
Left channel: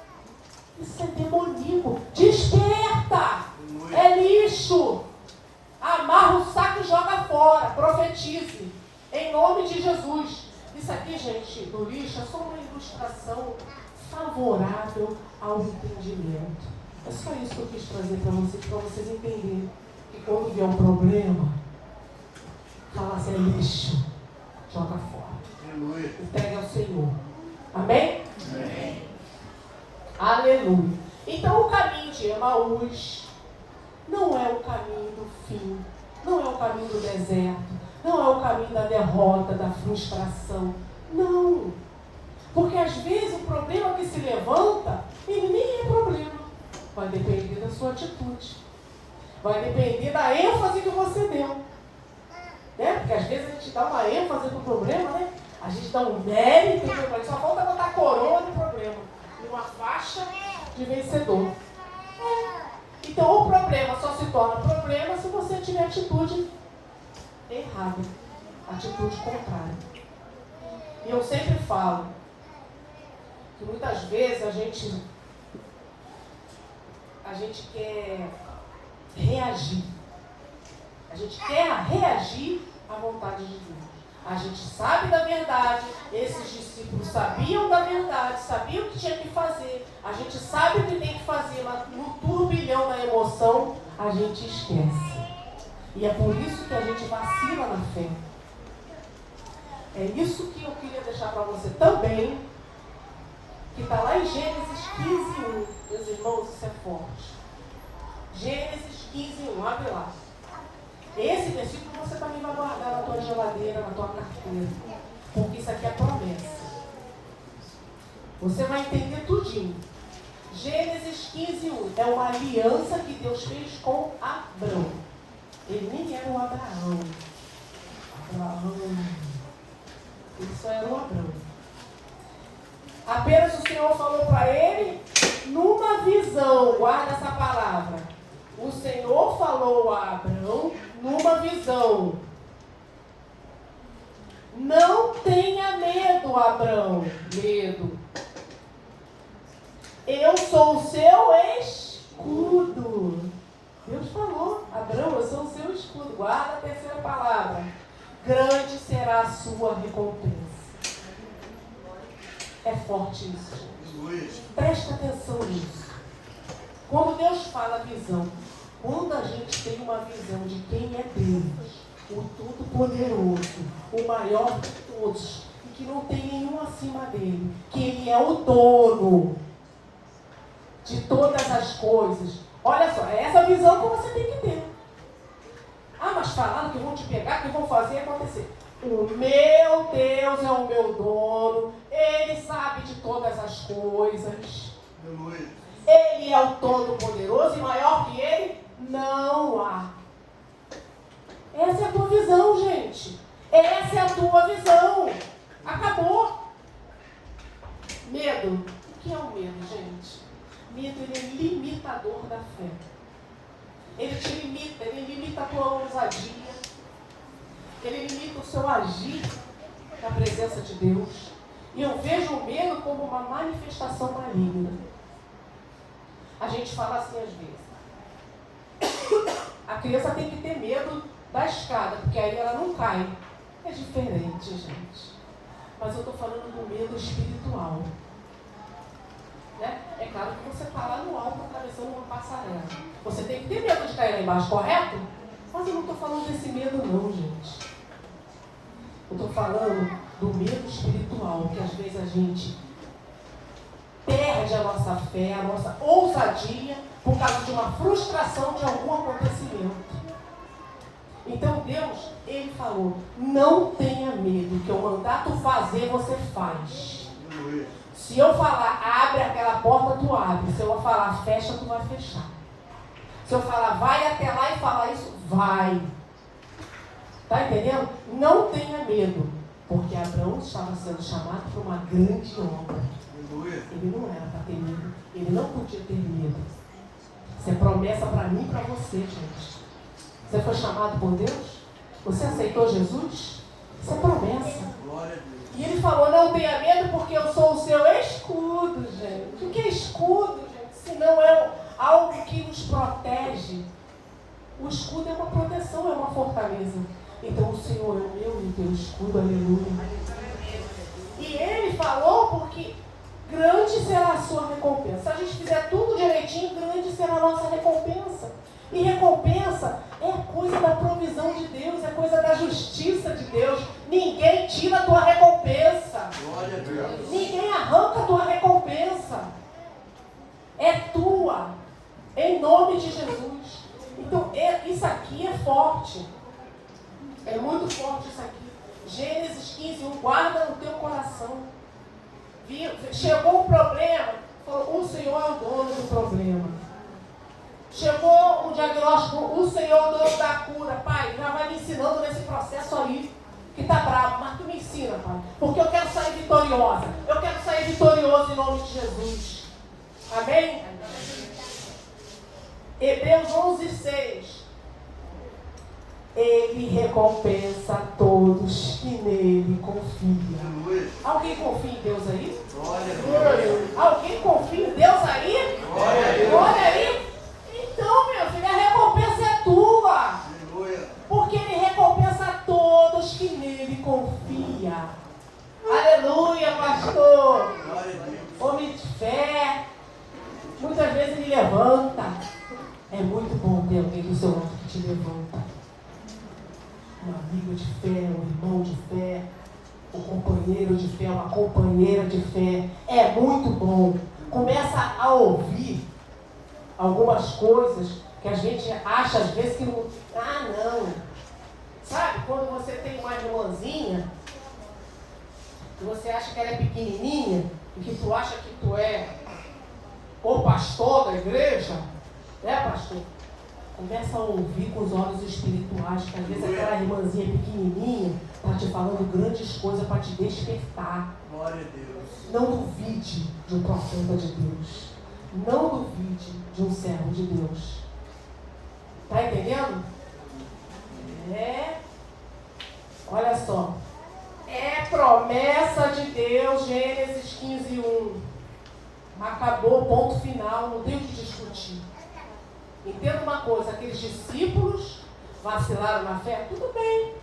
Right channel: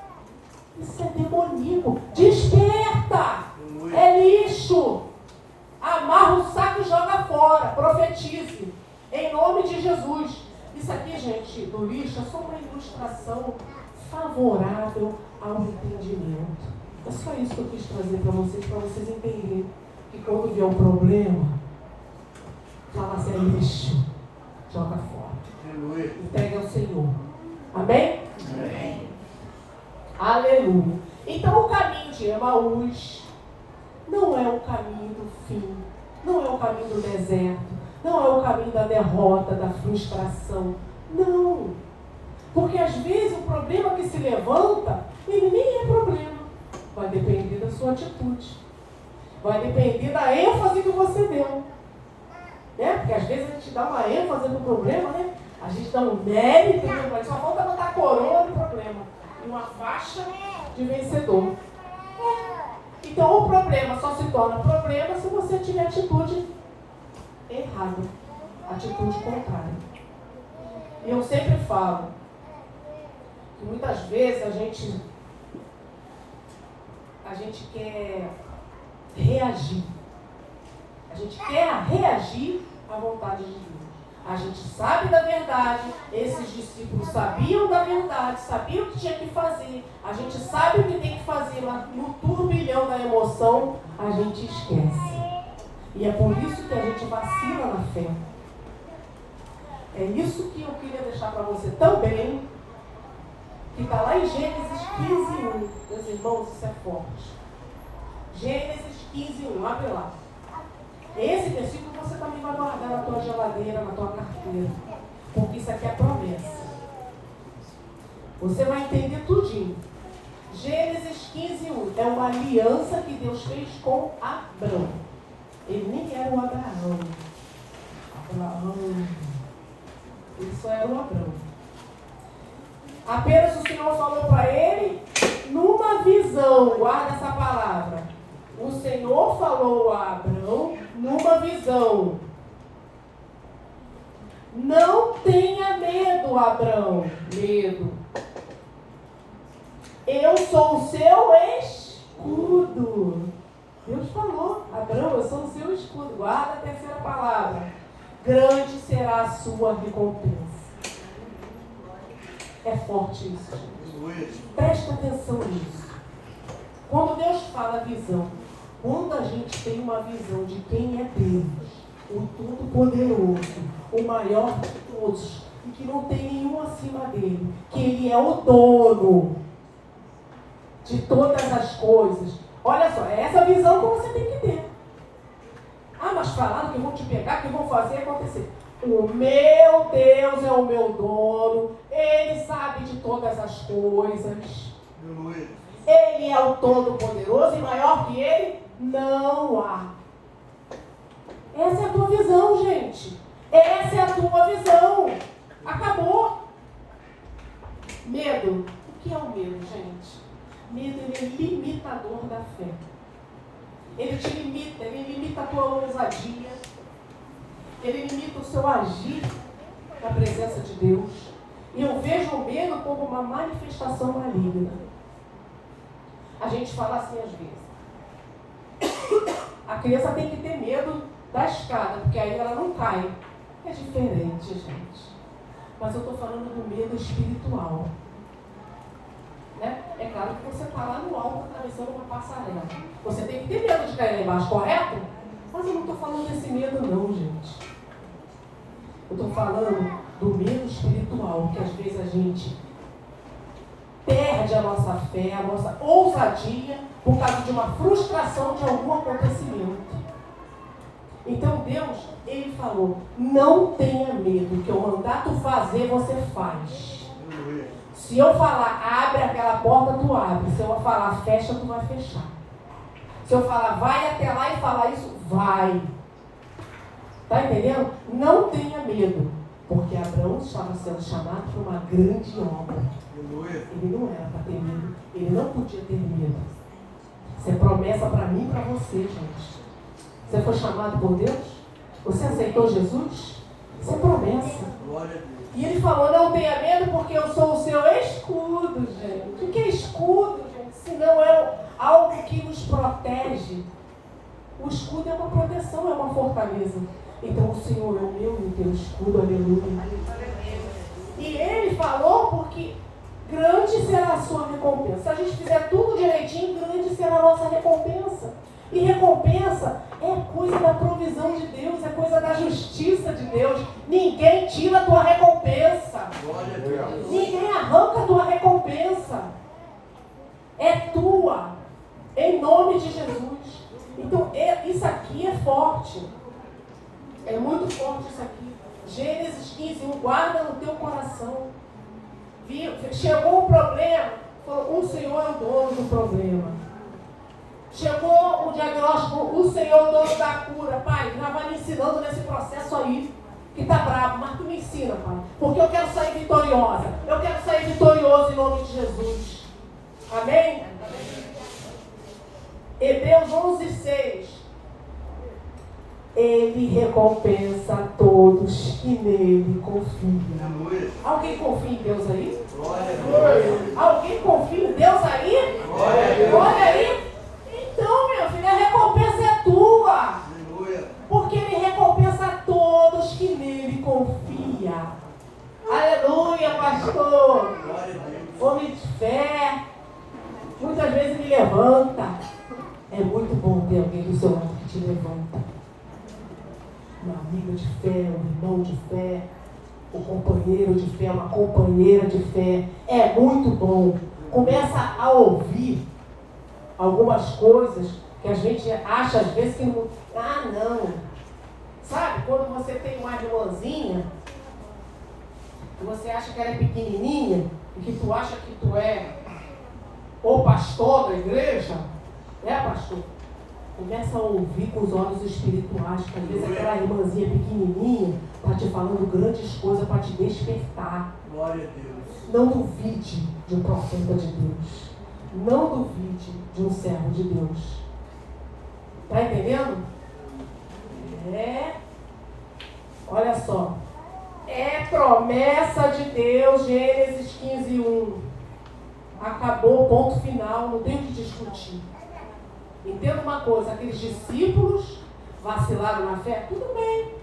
Isso é demoníaco. Desperta! É lixo. Amarra o saco e joga fora. Profetize. Em nome de Jesus. Isso aqui, gente, do lixo, é só uma ilustração favorável ao entendimento. É só isso que eu quis trazer para vocês entenderem que quando vier um problema, fala assim, é lixo, joga fora. Entrega ao Senhor. Amém? Amém. Aleluia. Então o caminho de Emaús não é o caminho do fim, não é o caminho do deserto, não é o caminho da derrota, da frustração. Não. Porque às vezes o problema que se levanta, ele nem é problema. Vai depender da sua atitude. Vai depender da ênfase que você deu. Né? Porque às vezes a gente dá uma ênfase no problema, né? A gente dá um mérito no problema. Só falta botar a coroa no problema. Uma faixa de vencedor. Então o problema só se torna problema se você tiver atitude errada. Atitude contrária. E eu sempre falo que muitas vezes a gente quer reagir. A gente quer reagir à vontade de Deus. A gente sabe da verdade, esses discípulos sabiam da verdade, sabiam o que tinha que fazer. A gente sabe o que tem que fazer, mas no turbilhão da emoção, a gente esquece. E é por isso que a gente vacila na fé. É isso que eu queria deixar para você também, que está lá em Gênesis 15:1. Meus irmãos, isso é forte. Gênesis 15:1, abre lá. Esse versículo você também vai guardar na tua geladeira, na tua carteira. Porque isso aqui é promessa. Você vai entender tudinho. Gênesis 15:1 é uma aliança que Deus fez com Abrão. Ele nem era o Abraão. Ele só era o Abrão. Apenas o Senhor falou para ele numa visão. Guarda essa palavra. O Senhor falou a Abrão numa visão. Não tenha medo, Abrão. Medo. Eu sou o seu escudo. Deus falou, Abrão, eu sou o seu escudo. Guarda a terceira palavra. Grande será a sua recompensa. É forte isso, gente. Presta atenção nisso. Quando Deus fala visão, quando a gente tem uma visão de quem é Deus, o Todo-Poderoso, o maior de todos, e que não tem nenhum acima dele, que ele é o dono de todas as coisas. Olha só, é essa visão que você tem que ter. Ah, mas falaram que vão te pegar, que vão fazer acontecer. O meu Deus é o meu dono, ele sabe de todas as coisas. Ele é o Todo-Poderoso e maior que ele não há. Essa é a tua visão, gente. Essa é a tua visão. Acabou. Medo. O que é o medo, gente? Medo, ele é limitador da fé. Ele te limita, ele limita a tua ousadia. Ele limita o seu agir na presença de Deus. E eu vejo o medo como uma manifestação maligna. A gente fala assim às vezes. A criança tem que ter medo da escada, porque aí ela não cai. É diferente, gente. Mas eu estou falando do medo espiritual. Né? É claro que você está lá no alto atravessando uma passarela. Você tem que ter medo de cair lá embaixo, correto? Mas eu não estou falando desse medo não, gente. Eu estou falando do medo espiritual, que às vezes a gente perde a nossa fé, a nossa ousadia, por causa de uma frustração de algum acontecimento. Então Deus, Ele falou, não tenha medo, que eu mandar tu fazer, você faz. Se eu falar, abre aquela porta, tu abre. Se eu falar, fecha, tu vai fechar. Se eu falar, vai até lá e falar isso, vai. Tá entendendo? Não tenha medo, porque Abraão estava sendo chamado para uma grande obra. Ele não era para ter medo. Ele não podia ter medo. Isso é promessa para mim e para você, gente. Você foi chamado por Deus? Você aceitou Jesus? Isso é promessa. E ele falou, não tenha medo porque eu sou o seu escudo, gente. O que é escudo, gente? Se não é algo que nos protege. O escudo é uma proteção, é uma fortaleza. Então o Senhor é o meu e o teu escudo, aleluia. E ele falou porque grande será a sua recompensa. Se a gente fizer tudo direitinho, grande será a nossa recompensa. E recompensa é coisa da provisão de Deus, é coisa da justiça de Deus. Ninguém tira a tua recompensa. Ninguém arranca a tua recompensa. é tua, em nome de Jesus. Então, isso aqui é forte. É muito forte isso aqui. Gênesis 15:1, guarda no teu coração. Chegou o problema, falou, o Senhor é o dono do problema. Chegou o diagnóstico, o Senhor é o dono da cura. Pai, já vai me ensinando nesse processo aí, que tá bravo, mas tu me ensina, Pai. Porque eu quero sair vitoriosa. Eu quero sair vitorioso em nome de Jesus. Amém? Hebreus 11:6. Ele recompensa a todos que nele confiam. Alguém confia em Deus aí? Alguém confia em Deus aí? Glória aí. Então, meu filho, a recompensa é tua. Porque ele recompensa a todos que nele confiam. Aleluia, pastor. Homem de fé. Muitas vezes ele levanta. É muito bom ter alguém do seu lado que te levanta. Um amigo de fé, um irmão de fé, um companheiro de fé, uma companheira de fé. É muito bom. Começa a ouvir algumas coisas que a gente acha às vezes que não... não. Sabe, quando você tem uma irmãzinha, que você acha que ela é pequenininha, e que tu acha que tu é o pastor da igreja, pastor? Começa a ouvir com os olhos espirituais, que às vezes aquela irmãzinha pequenininha está te falando grandes coisas para te despertar. Glória a Deus. Não duvide de um profeta de Deus. Não duvide de um servo de Deus. Está entendendo? Olha só. É promessa de Deus, Gênesis 15:1. Acabou, ponto final, não tem o que discutir. Entenda uma coisa, aqueles discípulos vacilaram na fé, tudo bem.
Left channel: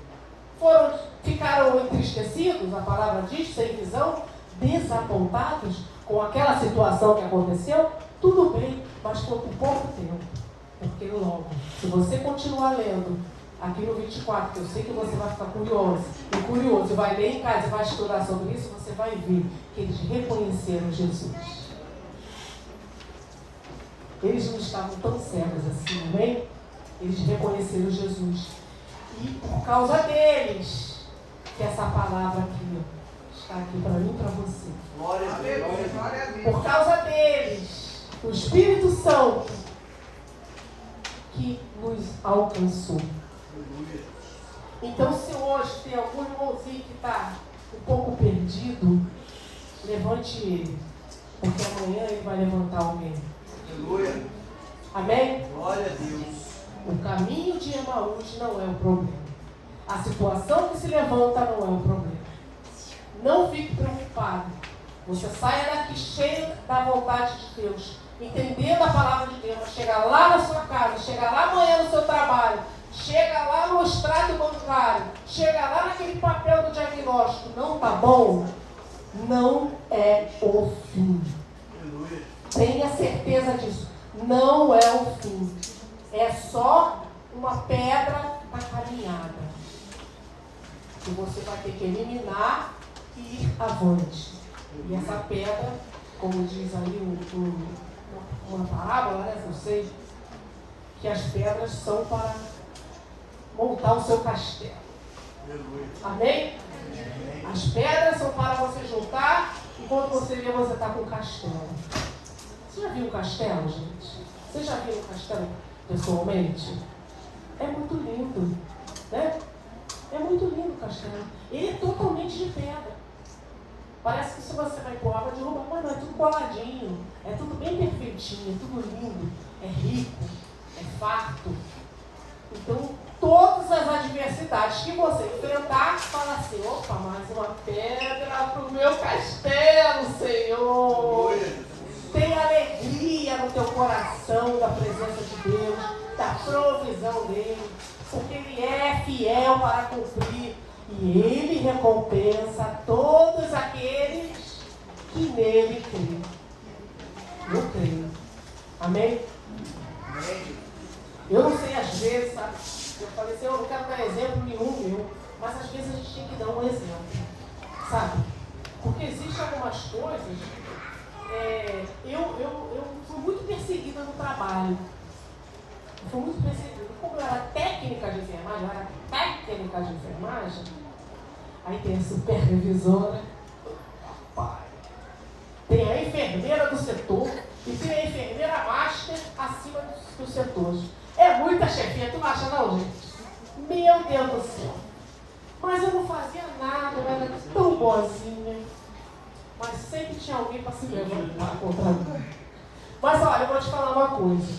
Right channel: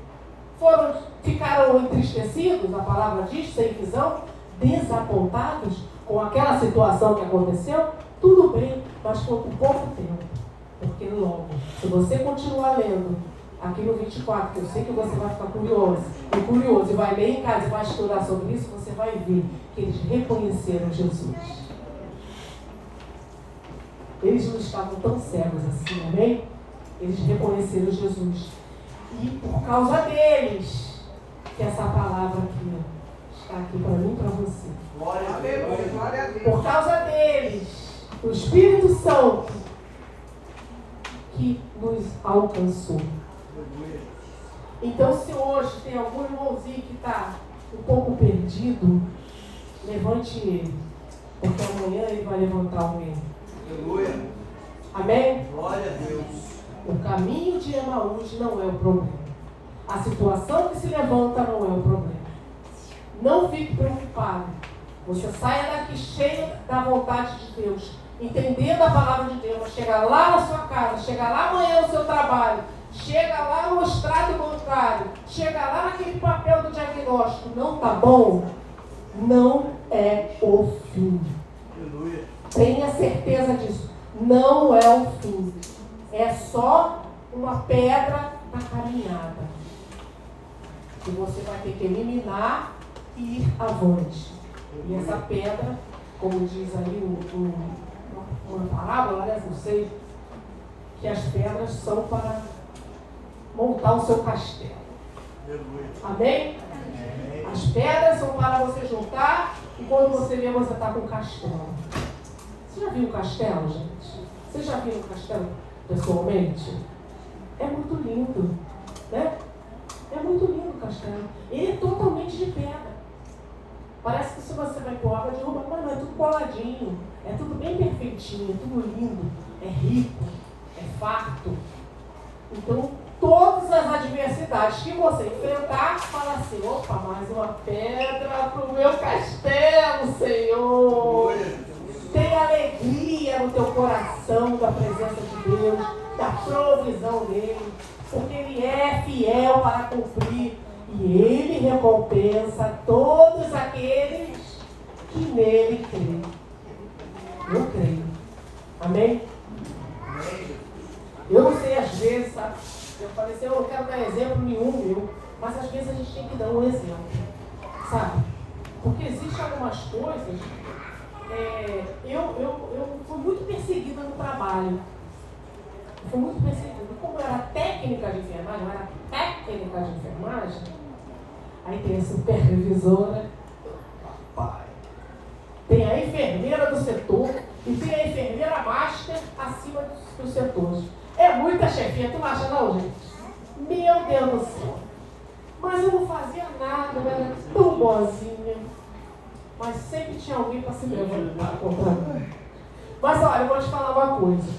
Ficaram entristecidos, a palavra diz, sem visão, desapontados com aquela situação que aconteceu, tudo bem, mas foi por pouco tempo. Porque logo, se você continuar lendo aqui no 24, que eu sei que você vai ficar curioso, e vai ler em casa e vai estudar sobre isso, você vai ver que eles reconheceram Jesus. Eles não estavam tão cegos assim, amém? Eles reconheceram Jesus. E por causa deles, que essa palavra aqui está aqui para mim e para você. Glória a Deus. Glória a Deus. Por causa deles, o Espírito Santo que nos alcançou. Então, se hoje tem algum irmãozinho que está um pouco perdido, levante ele, porque amanhã ele vai levantar alguém. Aleluia. Amém? Glória a Deus. O caminho de Emaús não é o problema. A situação que se levanta não é o problema. Não fique preocupado. Você saia daqui cheio da vontade de Deus, entendendo a palavra de Deus. Chega lá na sua casa, chega lá amanhã no seu trabalho, chega lá no extrato bancário, chega lá naquele papel do diagnóstico. Não tá bom? Não é o fim. Aleluia. Tenha certeza disso. Não é o fim. É só uma pedra na caminhada. Que você vai ter que eliminar e ir avante. E essa pedra, como diz ali uma parábola, né? Não sei, que as pedras são para montar o seu castelo. Amém? As pedras são para você juntar e quando você vê, você está com um castelo. Você já viu um castelo, gente? Você já viu um castelo pessoalmente? É muito lindo, né? É muito lindo o castelo. Ele é totalmente de pedra. Parece que se você vai pôr água, derruba, mas não, é tudo coladinho, é tudo bem perfeitinho, é tudo lindo, é rico, é farto. Então, todas as adversidades que você enfrentar, fala assim, opa, mais uma pedra para o meu castelo, Senhor. Tem alegria no teu coração da presença de Deus, da provisão dele, porque ele é fiel para cumprir. E ele recompensa todos aqueles que nele creem. Eu creio. Amém? Eu não sei, às vezes, sabe? Eu falei assim, eu não quero dar exemplo nenhum meu, mas às vezes a gente tem que dar um exemplo, sabe? Porque existem algumas coisas eu fui muito perseguida no trabalho. Eu fui muito perseguida. E como eu era técnica de enfermagem, aí tem a supervisora, tem a enfermeira do setor e tem a enfermeira master acima dos setores. É muita chefia, tu não acha não, gente? Meu Deus do céu. Mas eu não fazia nada, eu era tão boazinha. Mas sempre tinha alguém para se levantar contra mim. Mas olha, eu vou te falar uma coisa.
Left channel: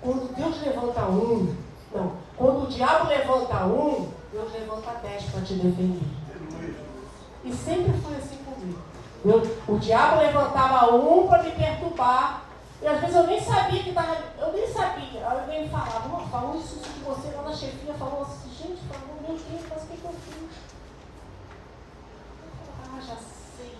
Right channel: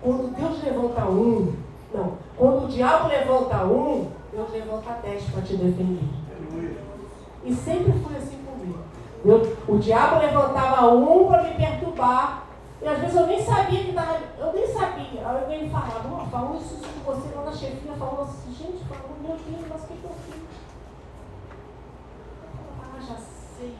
Quando Deus levanta quando o diabo levanta Deus levanta 10 para te defender. E sempre foi assim comigo. O diabo levantava para me perturbar. E às vezes eu nem sabia que estava. Eu nem sabia. Aí alguém me falava, falou isso de você, lá na chefia falou assim, gente, falou, meu Deus, mas o que eu fiz? Já sei.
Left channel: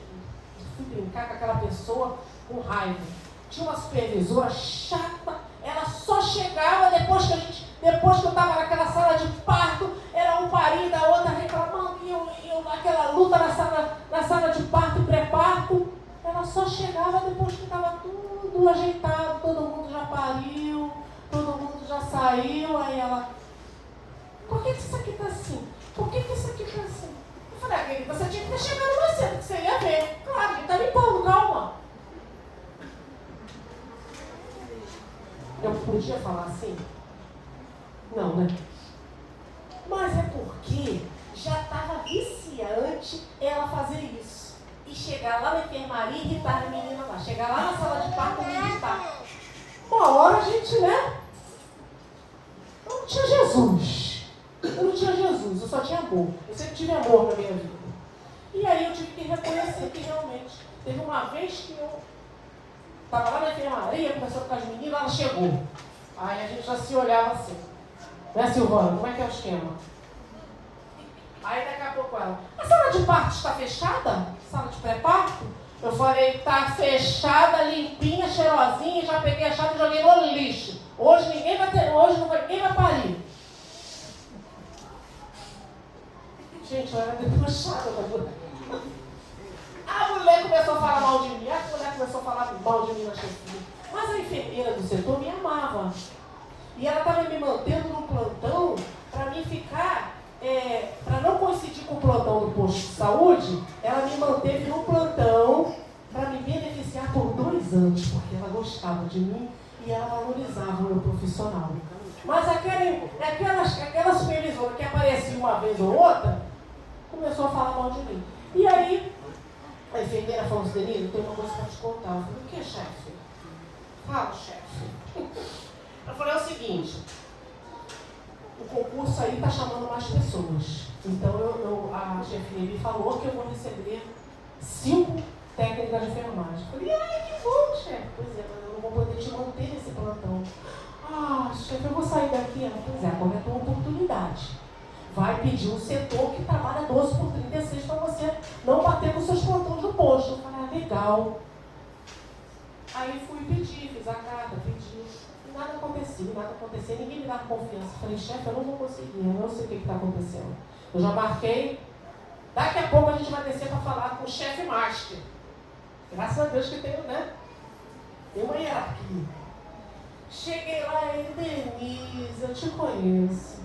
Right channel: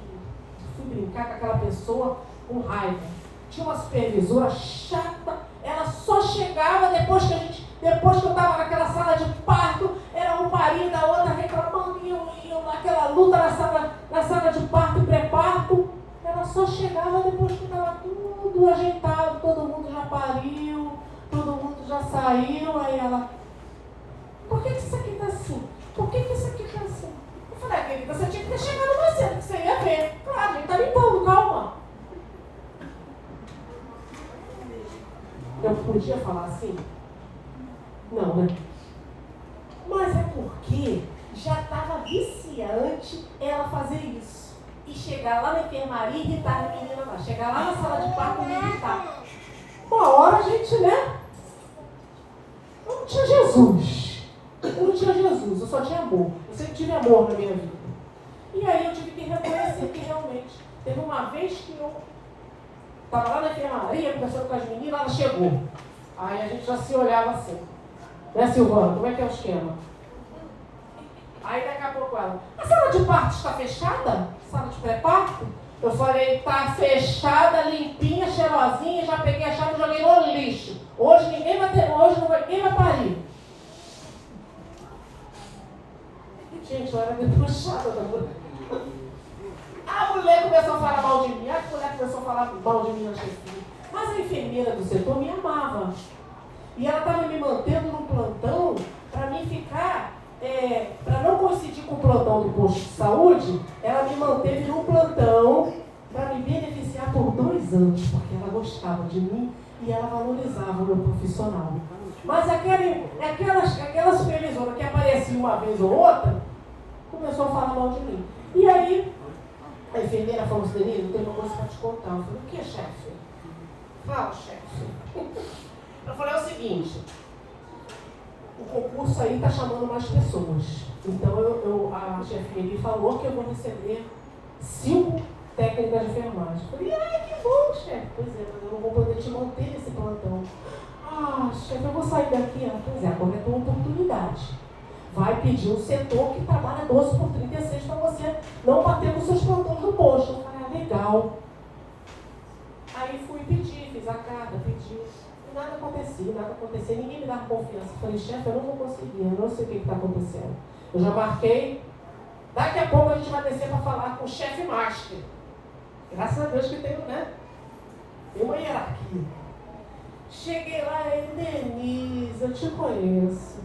Fui brincar com aquela pessoa com raiva. Tinha uma supervisora chata, ela só chegava depois que eu estava naquela sala de parto, era um parindo da outra reclamando, e eu naquela luta na sala de parto e pré-parto, ela só chegava depois que estava tudo ajeitado, todo mundo já pariu, todo mundo já saiu, aí ela, por que isso aqui está assim? Por que isso aqui está assim? Eu falei, você tinha que ter chegado mais cedo, que você ia ver. Claro, a gente está limpando, calma. Eu podia falar assim? Não, né? Mas é porque já estava viciante ela fazer isso. E chegar lá na enfermaria e irritar a menina lá. Chegar lá na sala de parto e me irritar. Uma hora a gente, né? Eu não tinha Jesus. Eu só tinha amor. Eu sempre tive amor na minha vida. E aí eu tive que reconhecer que realmente teve uma vez que eu estava lá na enfermaria, conversando com as meninas, ela chegou. Aí a gente já se olhava assim. Né, Silvana? Como é que é o esquema? Aí daqui a pouco ela, a sala de parto está fechada? Sala de pré-parto? Eu falei, tá fechada, limpinha, cheirosinha, já peguei a chave e joguei no lixo. Hoje ninguém vai parir. Gente, eu era debochada da mulher. A mulher começou a falar mal de mim, na chefia. Mas a enfermeira do setor me amava. E ela estava me mantendo no plantão para mim ficar, para não coincidir com o plantão do posto de saúde, ela me manteve no plantão para me beneficiar por 2 anos, porque ela gostava de mim e ela valorizava o meu profissional. Mas aquela supervisora que aparecia uma vez ou outra, começou a falar mal de mim. E aí, a enfermeira falou assim, Denise, eu tenho uma coisa para te contar. Eu falei, o que, chefe? Fala, chefe. Eu falei, é o seguinte, o concurso aí está chamando mais pessoas. Então, a chefia me falou que eu vou receber 5 técnicas de enfermagem. Eu falei, que bom, chefe. Pois é, mas eu não vou poder te manter nesse plantão. Chefe, eu vou sair daqui. Pois é, agora é a tua oportunidade. Vai pedir um setor que trabalha 12 por 36 para você não bater nos seus plantões no posto. Eu falei, legal. Aí fui pedir, fiz a carta, pedi. E nada acontecia, ninguém me dava confiança. Eu falei, chefe, eu não vou conseguir, eu não sei o que está acontecendo. Eu já marquei. Daqui a pouco a gente vai descer para falar com o chefe master. Graças a Deus que tem, né? Tem uma hierarquia. Cheguei lá e Denise, eu te conheço.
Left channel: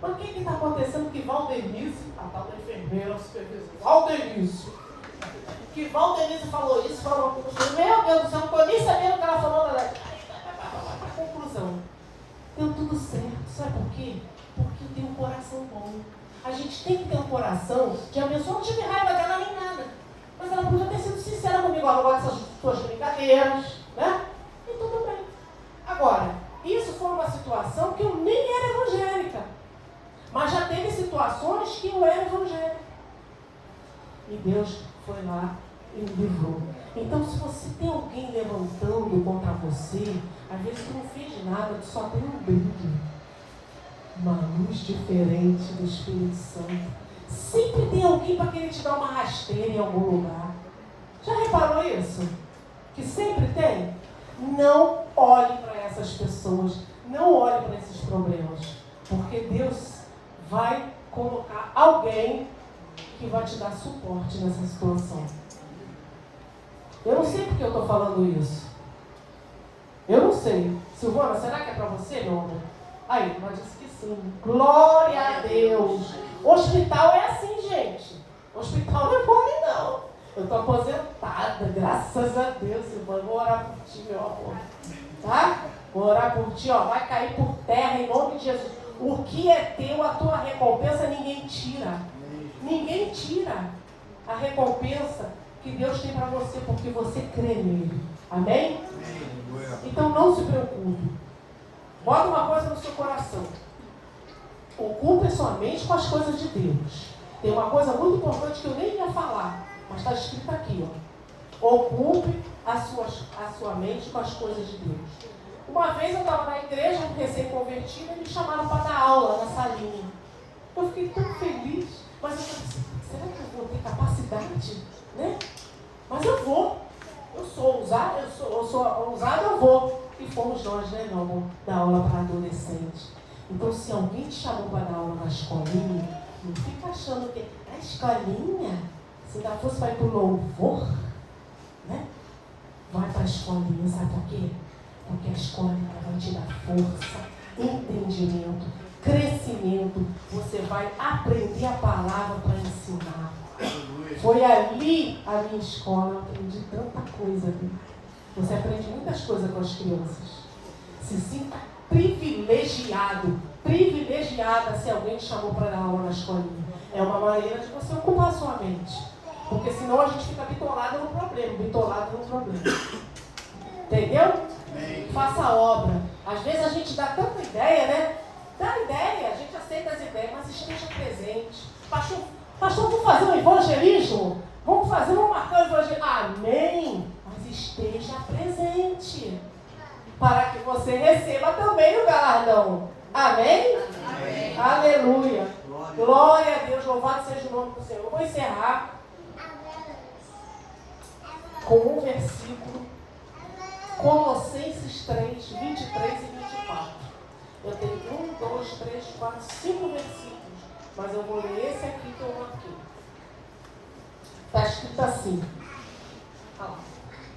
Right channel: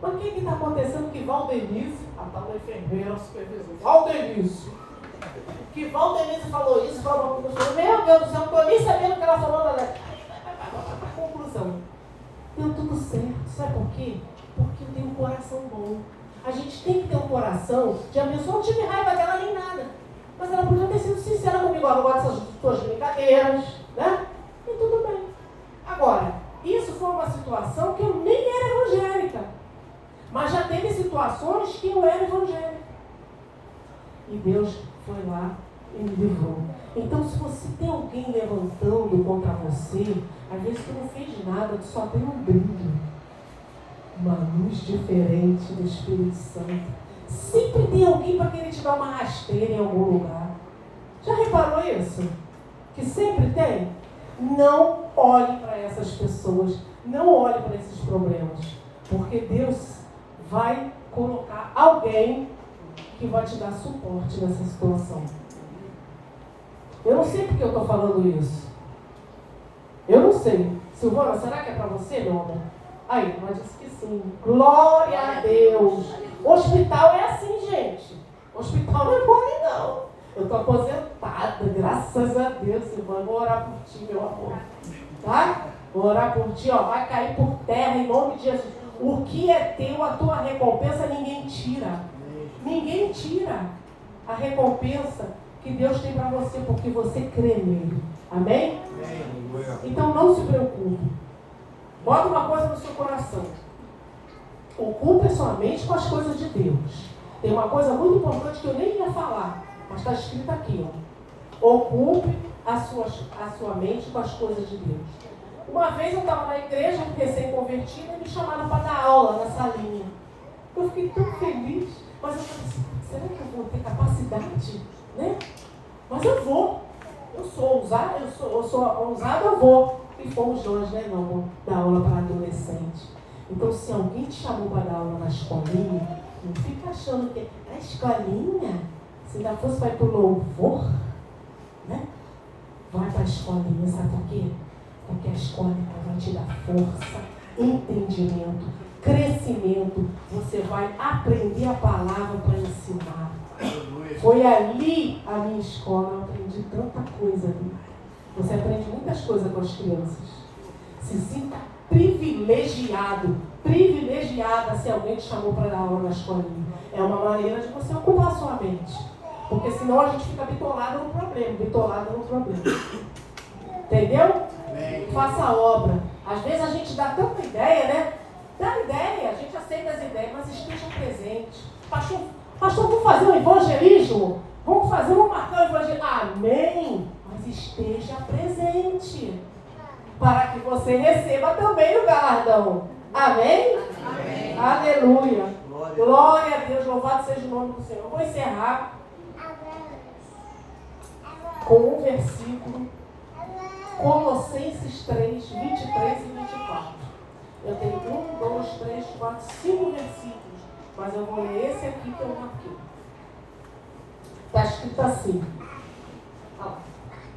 Mas o que está acontecendo que Valdenise, a tal da enfermeira, a supervisora, Valdenise, que Valdenise falou isso, falou aquilo. Eu falei, meu Deus do céu, não estou nem sabendo o que ela falou. Para conclusão, deu tudo certo. Sabe por quê? Porque eu tenho um coração bom. A gente tem que ter um coração de abençoar. Eu não tive raiva dela nem nada. Mas ela podia ter sido sincera comigo. Eu gosto dessas tuas brincadeiras, né? E tudo bem. Agora, isso foi uma situação que eu nem era evangélica. Mas já teve situações que eu era evangélica. E Deus foi lá e me livrou. Então, se você tem alguém levantando contra você, às vezes tu não fez nada, tu só tem um brilho. Uma luz diferente do Espírito Santo. Sempre tem alguém para querer te dar uma rasteira em algum lugar. Já reparou isso? Que sempre tem? Não olhe para essas pessoas. Não olhe para esses problemas. Porque Deus vai colocar alguém que vai te dar suporte nessa situação. Eu não sei porque eu estou falando isso. Eu não sei. Silvana, será que é para você, meu amor? Aí, ela disse que sim. Glória a Deus. Hospital é assim, gente. Hospital não é mole, não. Eu estou aposentada, graças a Deus, Silvana. Vou orar por ti, meu amor. Tá? Vou orar por ti, ó. Vai cair por terra em nome de Jesus. O que é teu, a tua recompensa, ninguém tira. Ninguém tira a recompensa que Deus tem para você, porque você crê nele. Amém? Então não se preocupe. Bota uma coisa no seu coração. Ocupe sua mente com as coisas de Deus. Tem uma coisa muito importante que eu nem ia falar, mas está escrito aqui, ó. Ocupe a sua mente com as coisas de Deus. Uma vez eu estava na igreja, recém-convertida, e me chamaram para dar aula na salinha. Eu fiquei tão feliz, mas eu falei assim, será que eu vou ter capacidade? Né? Mas eu vou. Eu sou ousada, eu vou. E fomos nós, né, meu amor, dar aula para adolescente. Então, se alguém te chamou para dar aula na escolinha, não fica achando que na escolinha, se ainda fosse para ir para o louvor, né? Vai para a escolinha, sabe por quê? Porque a escolinha vai te dar força, entendimento, crescimento. Você vai aprender a palavra para ensinar. Foi ali a minha escola, eu aprendi tanta coisa ali. Você aprende muitas coisas com as crianças. Se sinta privilegiada se alguém te chamou para dar aula na escolinha. É uma maneira de você ocupar a sua mente. Porque senão a gente fica bitolado no problema. Entendeu? Faça a obra. Às vezes a gente dá tanta ideia, né? Dá ideia, a gente aceita as ideias, mas esteja presente. Pastor, vamos fazer um evangelismo? Vamos marcar um evangelismo? Amém! Mas esteja presente. Para que você receba também o galardão. Amém? Amém. Aleluia. Glória a Deus, louvado seja o nome do Senhor. Eu vou encerrar com um versículo. Colossenses 3, 23 e 24. Eu tenho 1, 2, 3, 4, 5 versículos, mas eu vou ler esse aqui que eu marquei. Está escrito assim:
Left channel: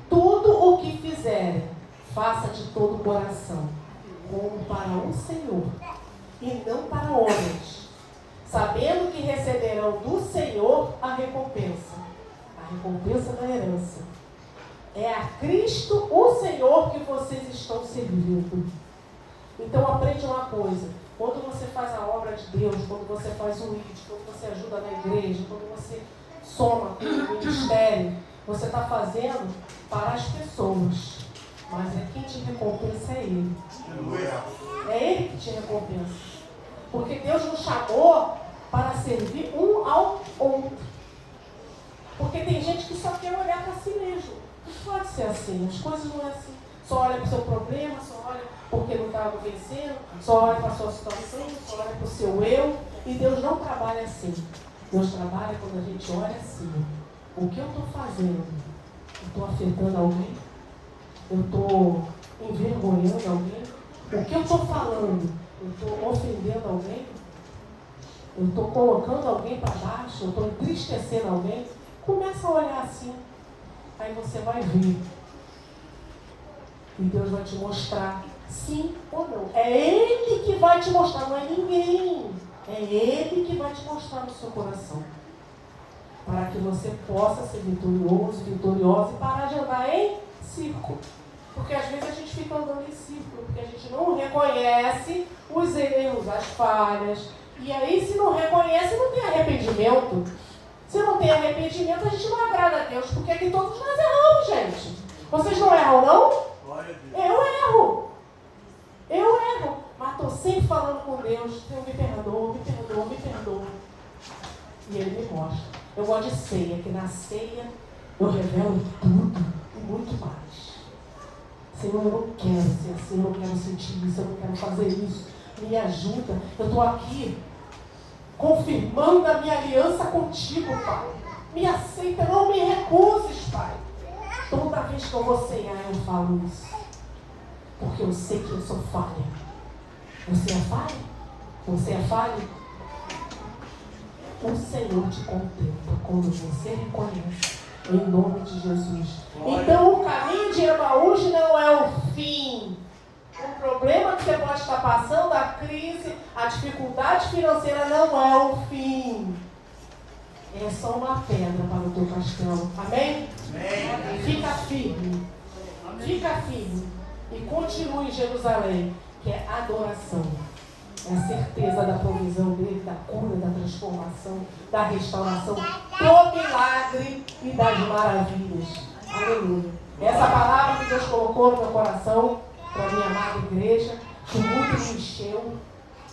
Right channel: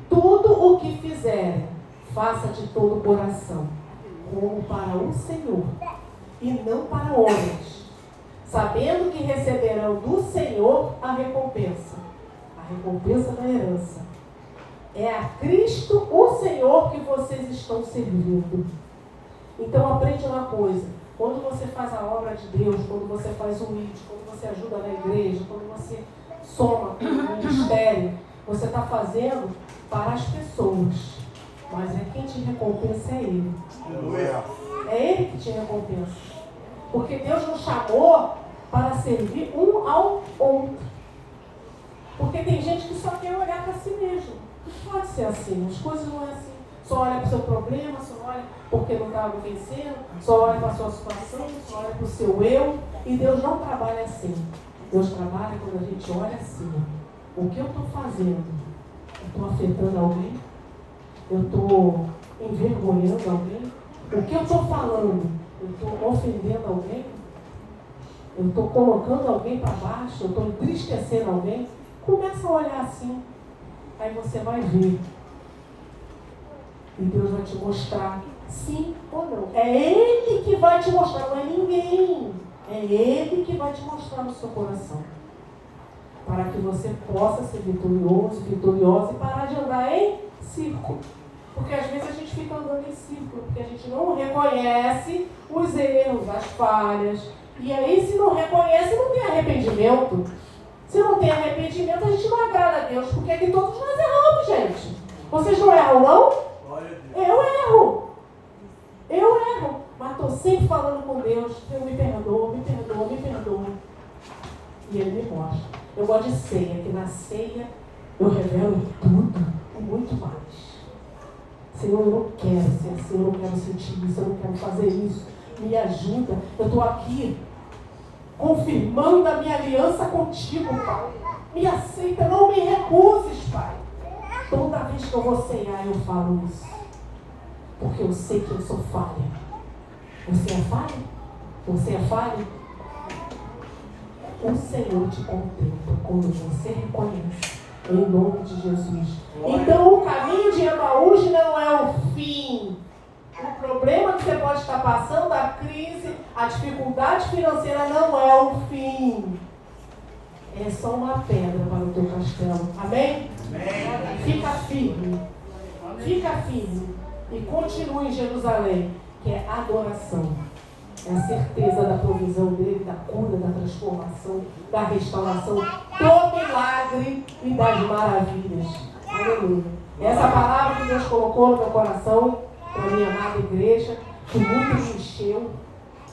tudo o que fizerem, faça de todo o coração, como para o Senhor, e não para homens, sabendo que receberão do Senhor a recompensa da herança. É a Cristo, o Senhor, que vocês estão servindo. Então aprende uma coisa. Quando você faz a obra de Deus, quando você faz o ID, quando você ajuda na igreja, quando você soma com o ministério, você está fazendo para as pessoas. Mas quem te recompensa é Ele. É Ele que te recompensa. Porque Deus nos chamou para servir um ao outro. Porque tem gente que só quer olhar para si mesmo. Não pode ser assim, as coisas não é assim. Só olha para o seu problema, só olha porque não está vencendo, só olha para a sua situação, só olha para o seu eu. E Deus não trabalha assim. Deus trabalha quando a gente olha assim. O que eu estou fazendo? Eu estou afetando alguém? Eu estou envergonhando alguém? O que eu estou falando? Eu estou ofendendo alguém? Eu estou colocando alguém para baixo? Eu estou entristecendo alguém? Começa a olhar assim. Aí você vai ver. E Deus vai te mostrar sim ou não. É Ele que vai te mostrar, não é ninguém. É Ele que vai te mostrar no seu coração. Para que você possa ser vitorioso, vitoriosa e parar de andar em círculo. Porque às vezes a gente fica andando em círculo, porque a gente não reconhece os erros, as falhas. E aí, se não reconhece, não tem arrependimento. Se não tem arrependimento, a gente não agrada a Deus, porque aqui todos nós erramos, gente. Vocês não erram, não? Eu erro. Mas estou sempre falando com Deus. Deus me perdoa. E Ele me mostra. Eu gosto de ceia, que na ceia eu revelo tudo e muito mais. Senhor, eu não quero ser assim, eu não quero sentir isso, eu não quero fazer isso. Me ajuda. Eu estou aqui confirmando a minha aliança contigo, Pai. Me aceita, não me recuses, Pai. Toda vez que eu vou ceiar, eu falo isso. Porque eu sei que eu sou falha. Você é falha? Você é falha? O Senhor te contempla quando você reconhece Em nome de Jesus. Então o caminho de Emaús não é o fim. O problema que você pode estar passando, a crise, a dificuldade financeira não é o fim. É só uma pedra para o teu castelo. Amém? Amém. Fica firme. Fica firme. E continue em Jerusalém, que é adoração. É a certeza da provisão dele, da cura, da transformação, da restauração, do milagre e das maravilhas. Aleluia. Essa palavra que Deus colocou no meu coração, para a minha amada igreja, que muito me encheu.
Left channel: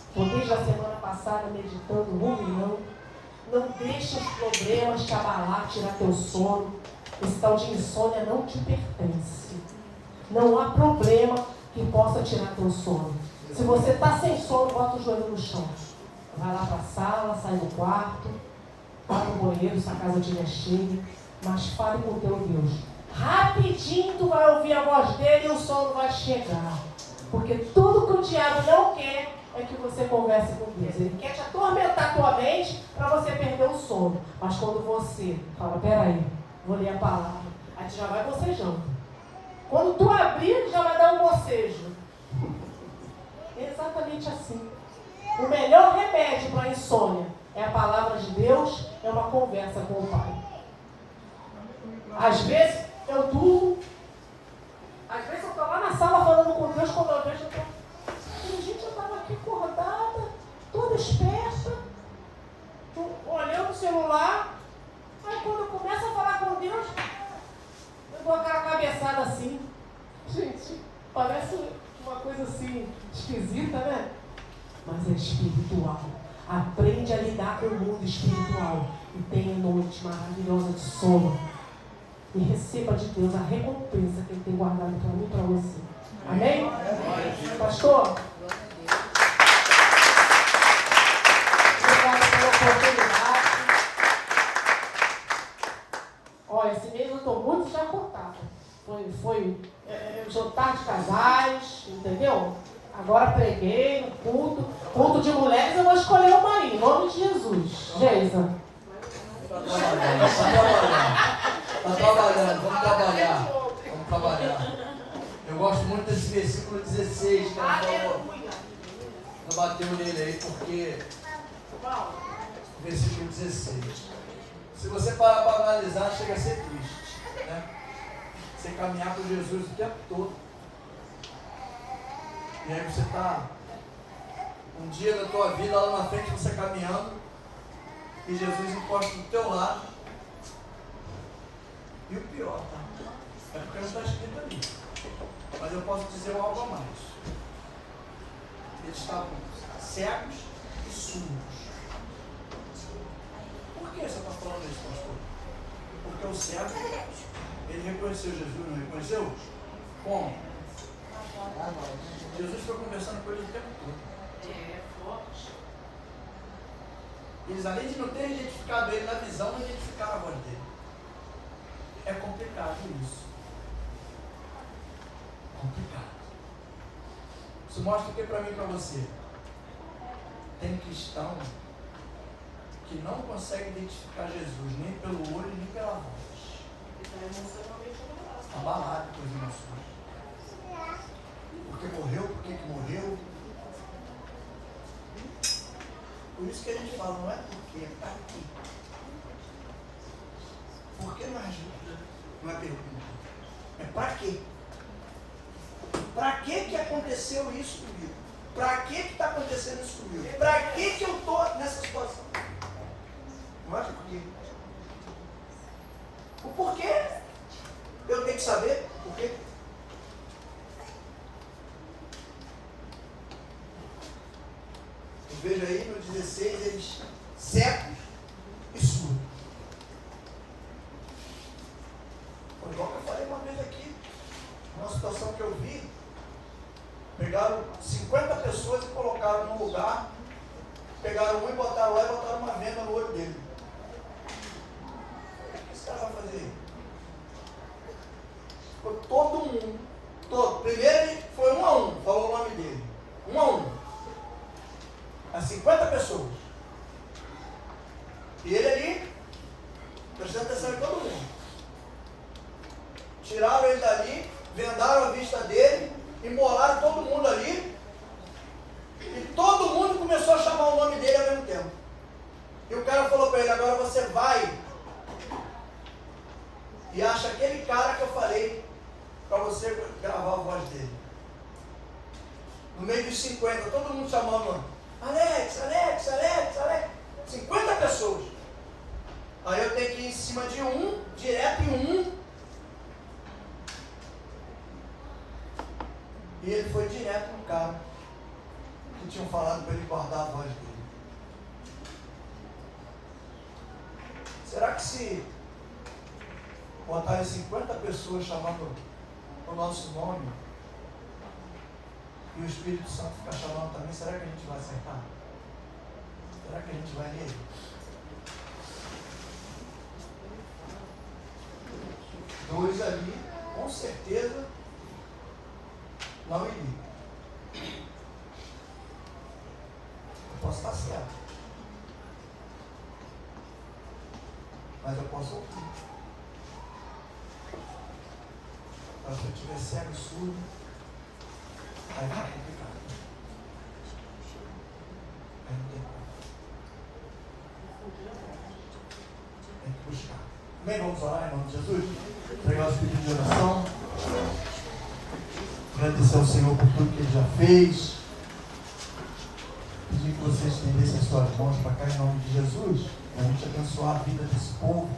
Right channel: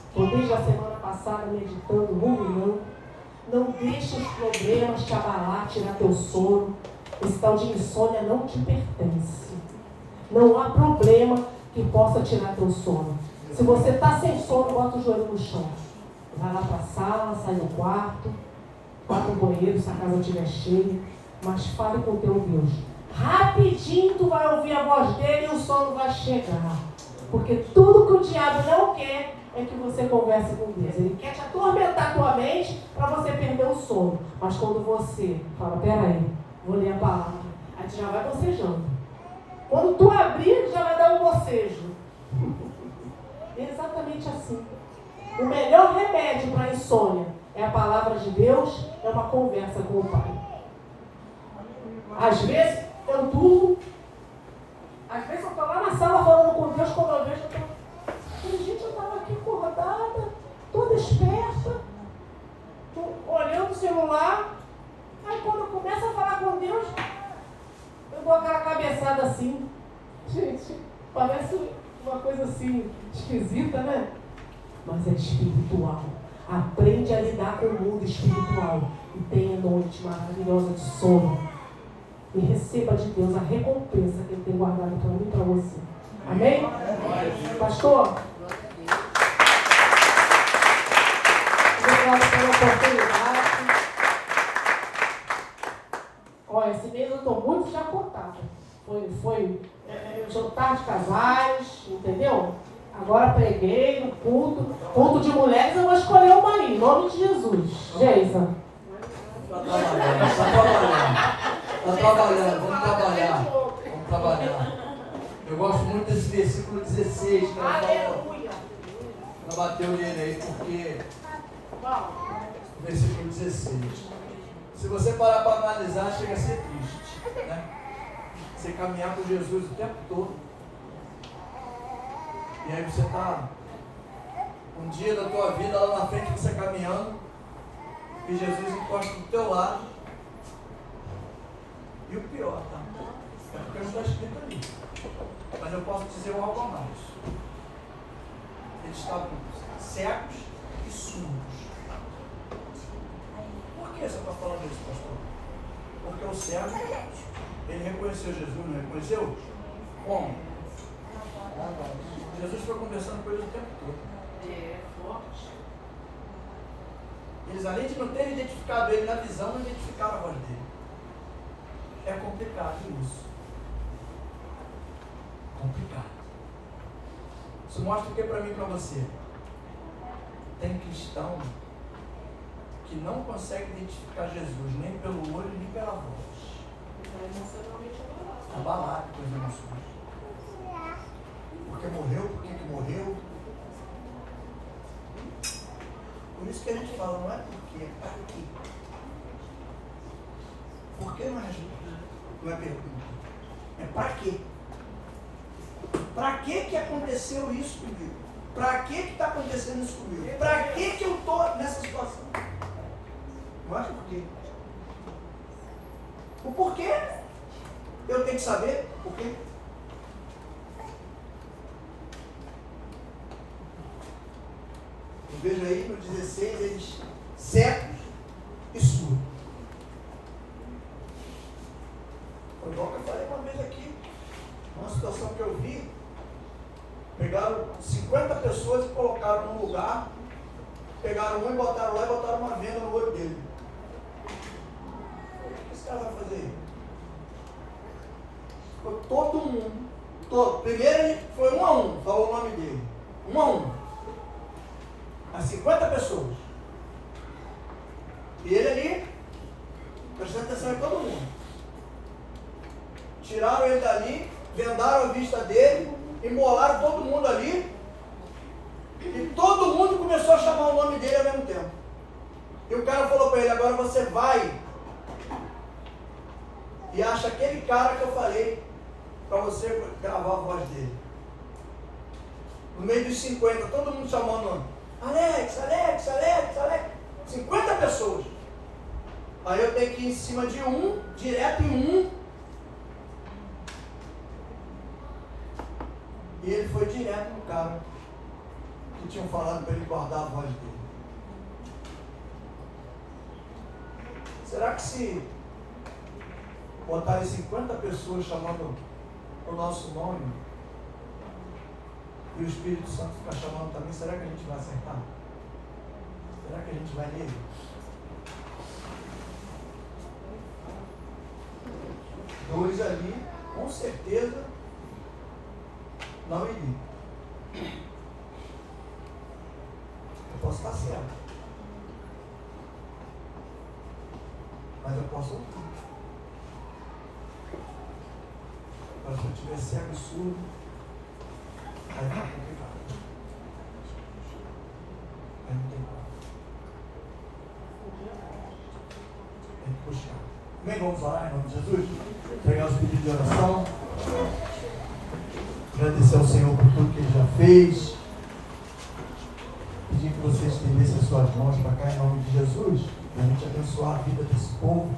Estou desde a semana passada meditando, ruminando. Não deixe os problemas te abalar, tirar teu sono. Esse tal de insônia não te pertence. Não há problema que possa tirar teu sono. Se você está sem sono, bota o joelho no chão. Vai lá para a sala, sai do quarto, vai para o banheiro se a casa estiver cheia, mas fale com o teu Deus. Rapidinho tu vai ouvir a voz dele e o sono vai chegar. Porque tudo que o diabo não quer é que você converse com Deus. Ele quer te atormentar tua mente para você perder o sono. Mas quando você fala, peraí, vou ler a palavra, aí tu já vai bocejando. Quando tu abrir, já vai dar um bocejo. Exatamente assim. O melhor remédio para a insônia é a palavra de Deus, é uma conversa com o Pai. Às vezes eu durmo, às vezes eu estou lá na sala falando com Deus, quando eu vejo, gente, eu estava aqui acordada, toda esperta, olhando o celular, aí quando eu começo a falar com Deus, eu dou aquela cabeçada assim. Gente, parece uma coisa assim, esquisita, né? Mas é espiritual. Aprende a lidar com o mundo espiritual. E tenha noite maravilhosa de sono. E receba de Deus a recompensa que Ele tem guardado para mim e para você. Amém? Pastor? Obrigado pela oportunidade. Olha, esse mês eu estou muito chacotada. Foi jantar de casais, entendeu? Agora preguei no culto de mulheres, eu vou escolher o marido, em nome de Jesus. Geisa. Está trabalhando, vamos trabalhar. Eu gosto muito desse versículo 16, que ela fala, ela bateu nele aí, porque o versículo 16. Se você parar para analisar, chega a ser triste, né? Você caminhar com Jesus o tempo todo. E aí você está um dia da tua vida lá na frente, você caminhando, e Jesus encosta do teu lado. E o pior, tá? É porque não está escrito ali. Mas eu posso dizer algo a mais. Eles estavam cegos e surdos. Por que você está falando isso, pastor? Porque o cego, ele reconheceu Jesus, não reconheceu? Como? Jesus foi conversando com eles o tempo todo. É forte. Eles, além de não terem identificado ele na visão, não identificaram a voz dele. É complicado isso. Complicado. Isso mostra o que para mim e para você? Tem cristão que não consegue identificar Jesus nem pelo olho nem pela voz. Abalado com as emoções. Porque morreu, por que morreu? Por isso que a gente fala, não é porque, é para quê? Por que não é pergunta? É para quê? Para que aconteceu isso comigo? Para que está acontecendo isso comigo? Para que eu estou nessa situação? Não é por quê. O porquê eu tenho que saber o porquê. Eu vejo aí no 16 eles cegos e surdos. Foi igual que eu falei uma vez aqui, uma situação que eu vi, pegaram 50 pessoas e colocaram num lugar, pegaram um e botaram lá e botaram uma venda no olho dele. O que esse cara vai fazer aí? Foi todo mundo, todo. Primeiro ele foi 1 a 1, falou o nome dele. 1 a 1. As 50 pessoas. E ele ali, prestando atenção em todo mundo. tiraram ele dali, vendaram a vista dele, embolaram todo mundo ali, e todo mundo começou a chamar o nome dele ao mesmo tempo. E o cara falou para ele: agora você vai e acha aquele cara que eu falei para você gravar a voz dele. No meio dos 50, todo mundo chamando o nome. Alex, Alex, Alex, Alex. 50 pessoas. Aí eu tenho que ir em cima de um, direto em um. E ele foi direto no cara que tinham falado para ele guardar a voz dele. Será que se botarem 50 pessoas chamando o nosso nome e o Espírito Santo ficar chamando também, será que a gente vai acertar? Será que a gente vai nele? Dois ali, com certeza, não iriam. Eu posso estar certo, mas eu posso ouvir. Mas se eu tiver cego e surdo, aí vai complicado. Aí não tem como. Tem que buscar. Amém? Vamos orar em nome de Jesus? Pegar os pedidos de oração. Agradecer ao Senhor por tudo que Ele já fez. Pedir que vocês estendessem suas mãos para cá em nome de Jesus. Para a gente abençoar a vida desse povo.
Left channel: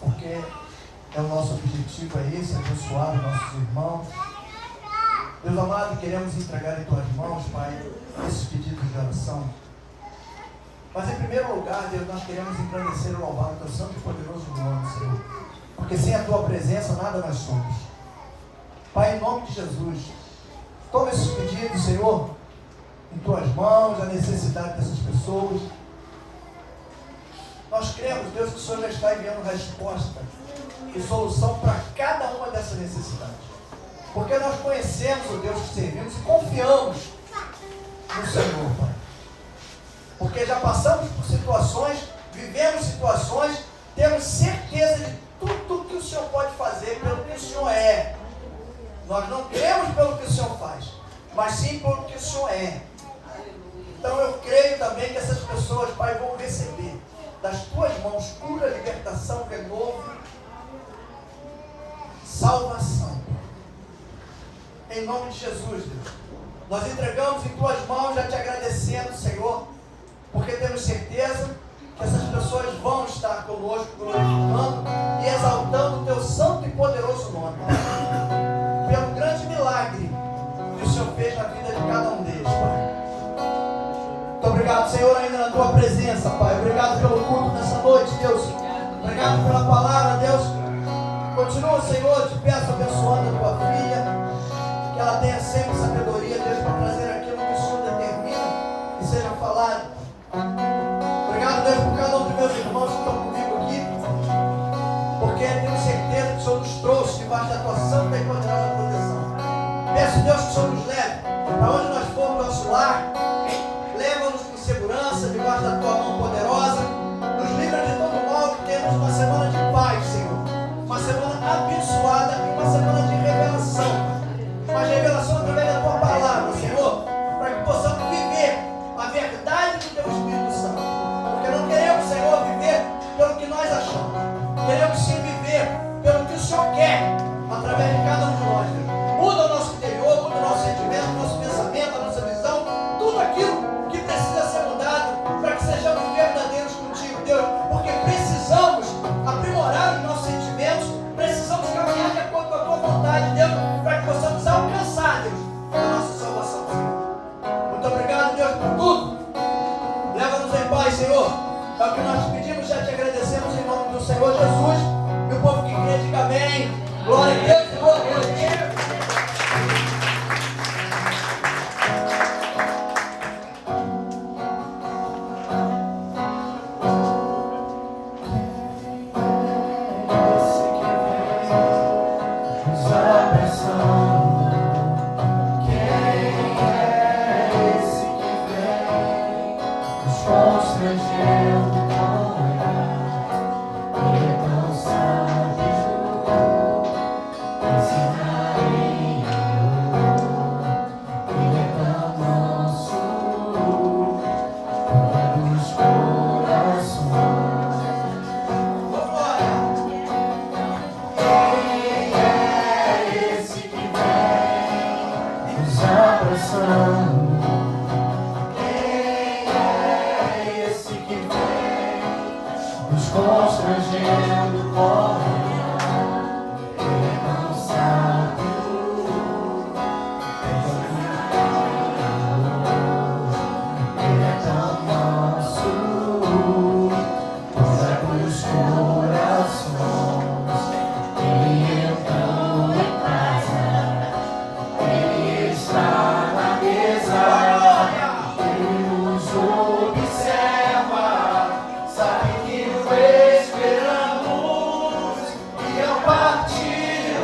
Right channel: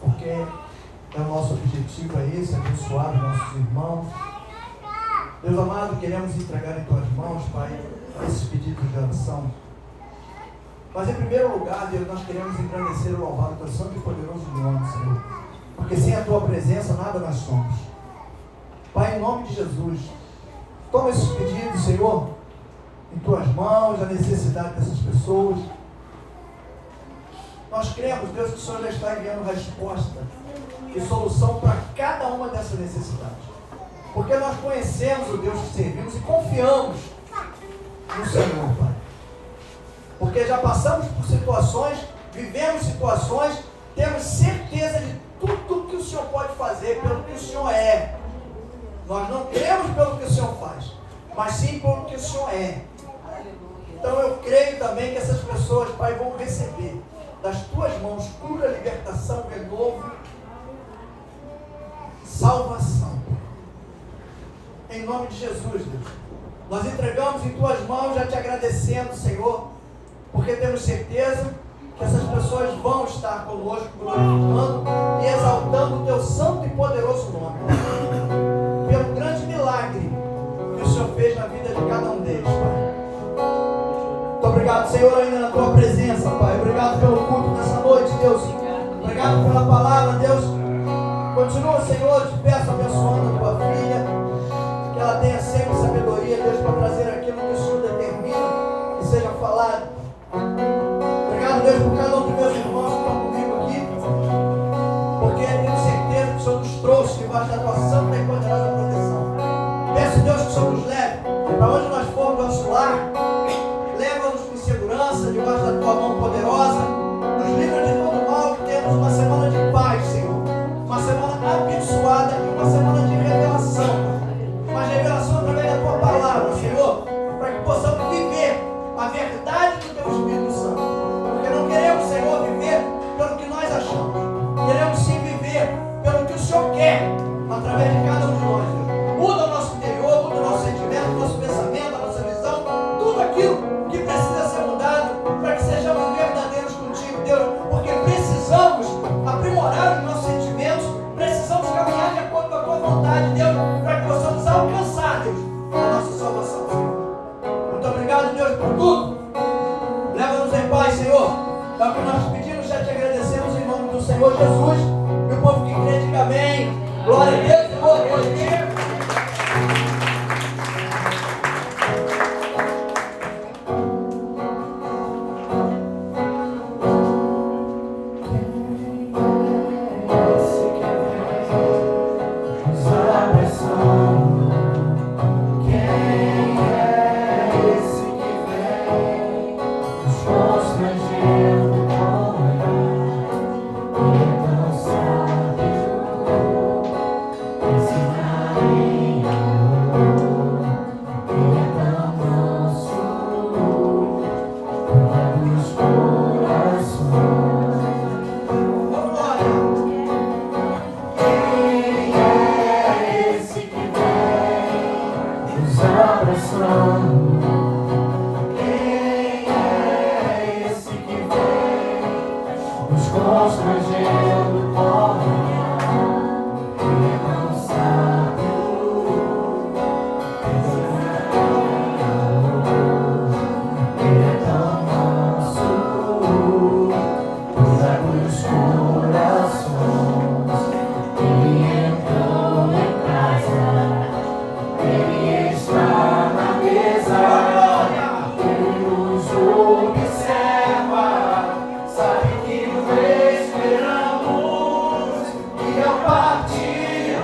Porque o nosso objetivo é esse, abençoar os nossos irmãos. Deus amado, queremos entregar em tuas mãos, Pai, esses pedidos de oração. Mas em primeiro lugar, Deus, nós queremos engrandecer e louvar o teu santo e poderoso nome, Senhor. Porque sem a tua presença, nada nós somos. Pai, em nome de Jesus, toma esses pedidos, Senhor, em tuas mãos, a necessidade dessas pessoas. Nós cremos, Deus, que o Senhor já está enviando resposta e solução para cada uma dessas necessidades. Porque nós conhecemos o Deus que servimos e confiamos no Senhor, Pai. Porque já passamos por situações, vivemos situações, temos certeza de tudo que o Senhor pode fazer pelo que o Senhor é. Nós não cremos pelo que o Senhor faz, mas sim pelo que o Senhor é. Então eu creio também que essas pessoas, Pai, vão receber das tuas mãos cura, libertação, renovo, salvação. Em nome de Jesus, Deus. Nós entregamos em tuas mãos, já te agradecendo, Senhor, porque temos certeza que essas pessoas vão estar conosco, glorificando e exaltando o teu santo e poderoso nome. Pelo grande milagre que o Senhor fez na vida de cada um deles, Pai. Muito obrigado, Senhor, ainda na tua presença, Pai. Obrigado pelo culto nessa noite, Deus. Obrigado pela palavra, Deus. Continua, Senhor, te peço, abençoando a tua filha, que ela tenha sempre sabedoria, Deus, para trazer aquilo que o Senhor determina que seja falado. Obrigado, Deus, por cada um dos meus irmãos que estão comigo aqui, porque tenho certeza que o Senhor nos trouxe debaixo da tua santa e poderosa proteção. Peço, Deus, que o Senhor nos leve para onde nós formos, nosso lar. Leva-nos com segurança debaixo da tua mão poderosa. Nos livra de todo mal, que temos uma semana de paz, Senhor. Uma semana abençoada e uma semana de revelação. Uma revelação através da tua palavra, Senhor, para que possamos viver a verdade do teu Espírito Santo. Porque não queremos, Senhor, viver pelo que nós achamos. Queremos sim viver pelo que o Senhor quer através de cada um de nós, Deus. Muda o nosso interior, muda o nosso sentimento, o nosso pensamento, a nossa visão, tudo aquilo que precisa ser mudado para que sejamos verdadeiros contigo, Deus. Porque precisamos aprimorar os nossos sentimentos, precisamos caminhar de acordo com a tua vontade, Deus, para que possamos alcançar, Deus, a nossa salvação, Senhor. Muito obrigado, Deus, por tudo. Leva-nos em paz, Senhor. É o que nós te pedimos, já te agradecemos em nome do Senhor Jesus. E o povo que crê, diga amém. Glória a Deus e boa noite. Constrangendo com olhar e tão sábio. nos constrangendo como ele não sabe ele é tão nosso, toda dos corações. Ele entrou em casa, ele está na mesa, ele nos observa, sabe que o esperamos, e ao partir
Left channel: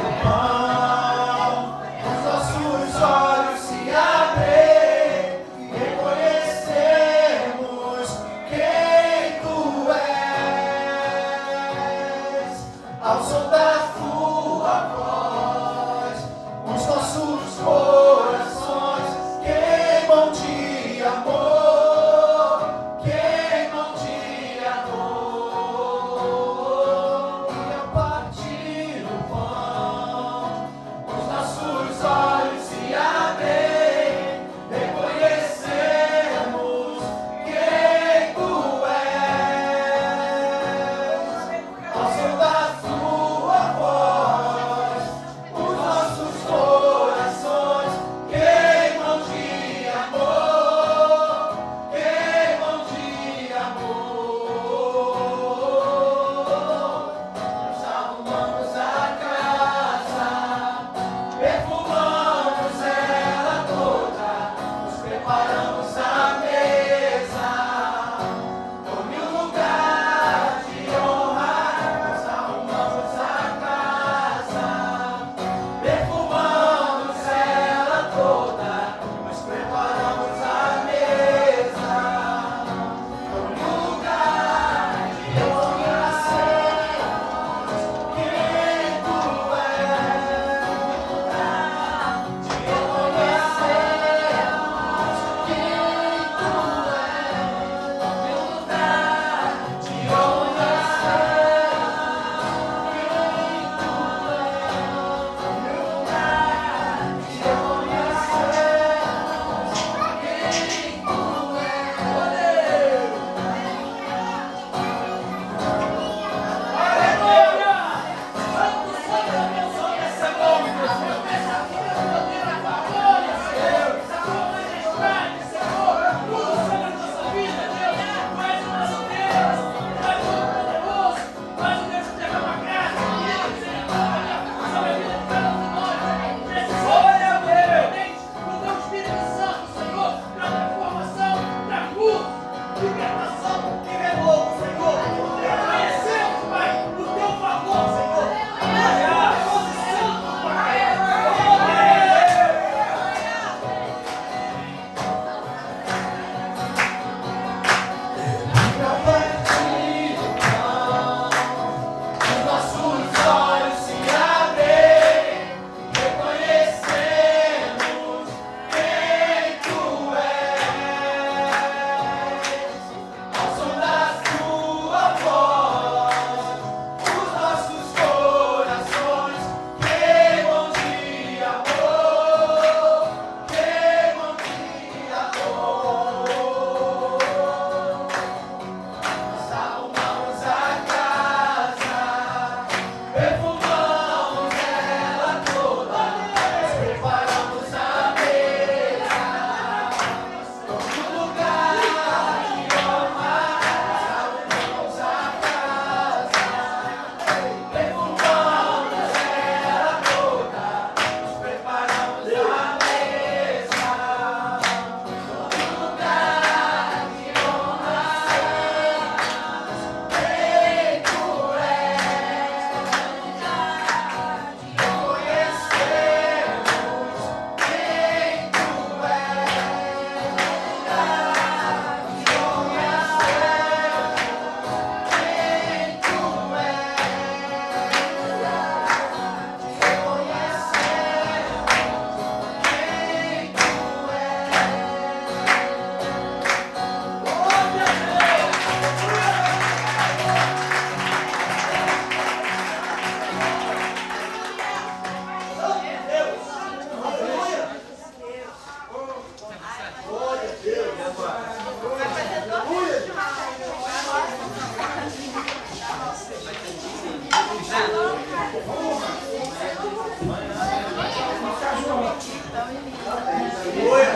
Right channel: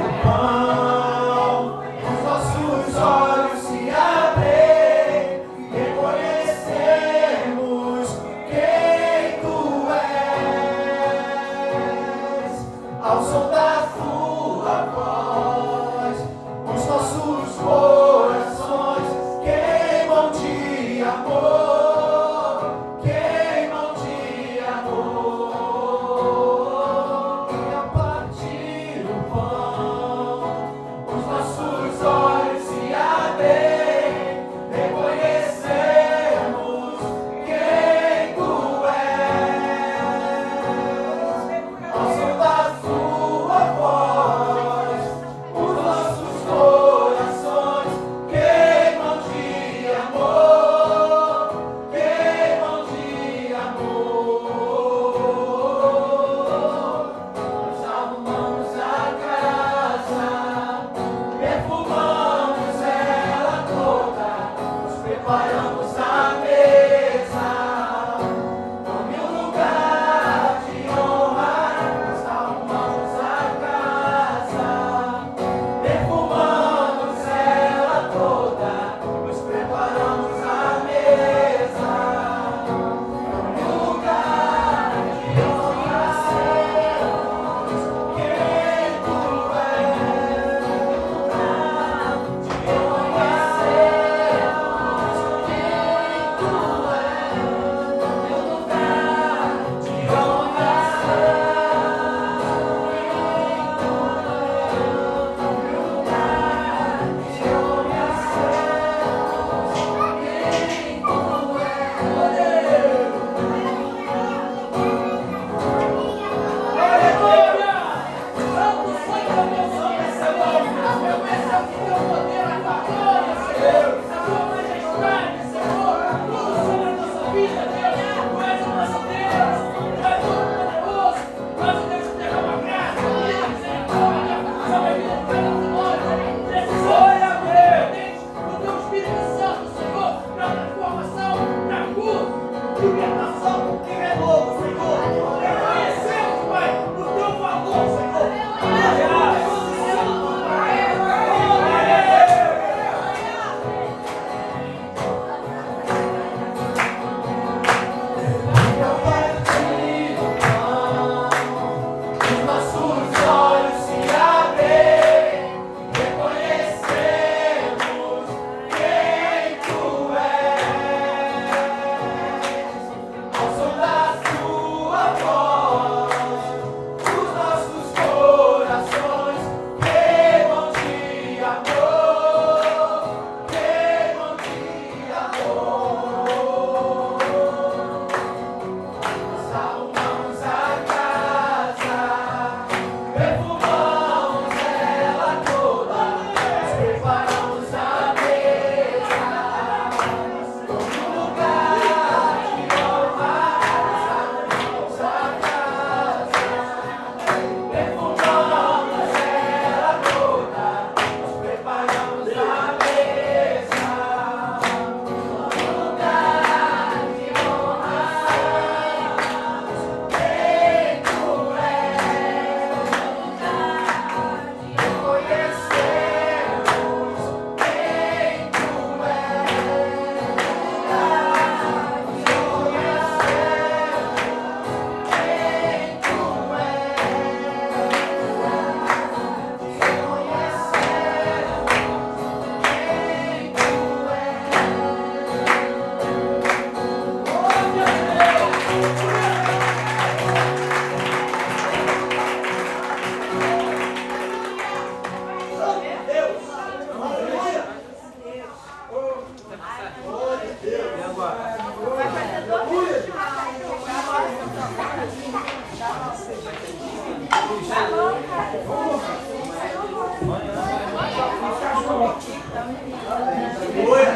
Aleluia.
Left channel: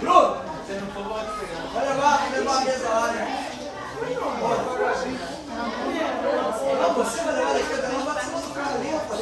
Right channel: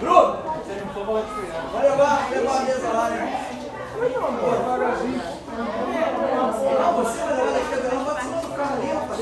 Bruno, vai levar a mesa lá, né? Ah, você vai levar daqui, não vai pro carro ali, rapaz.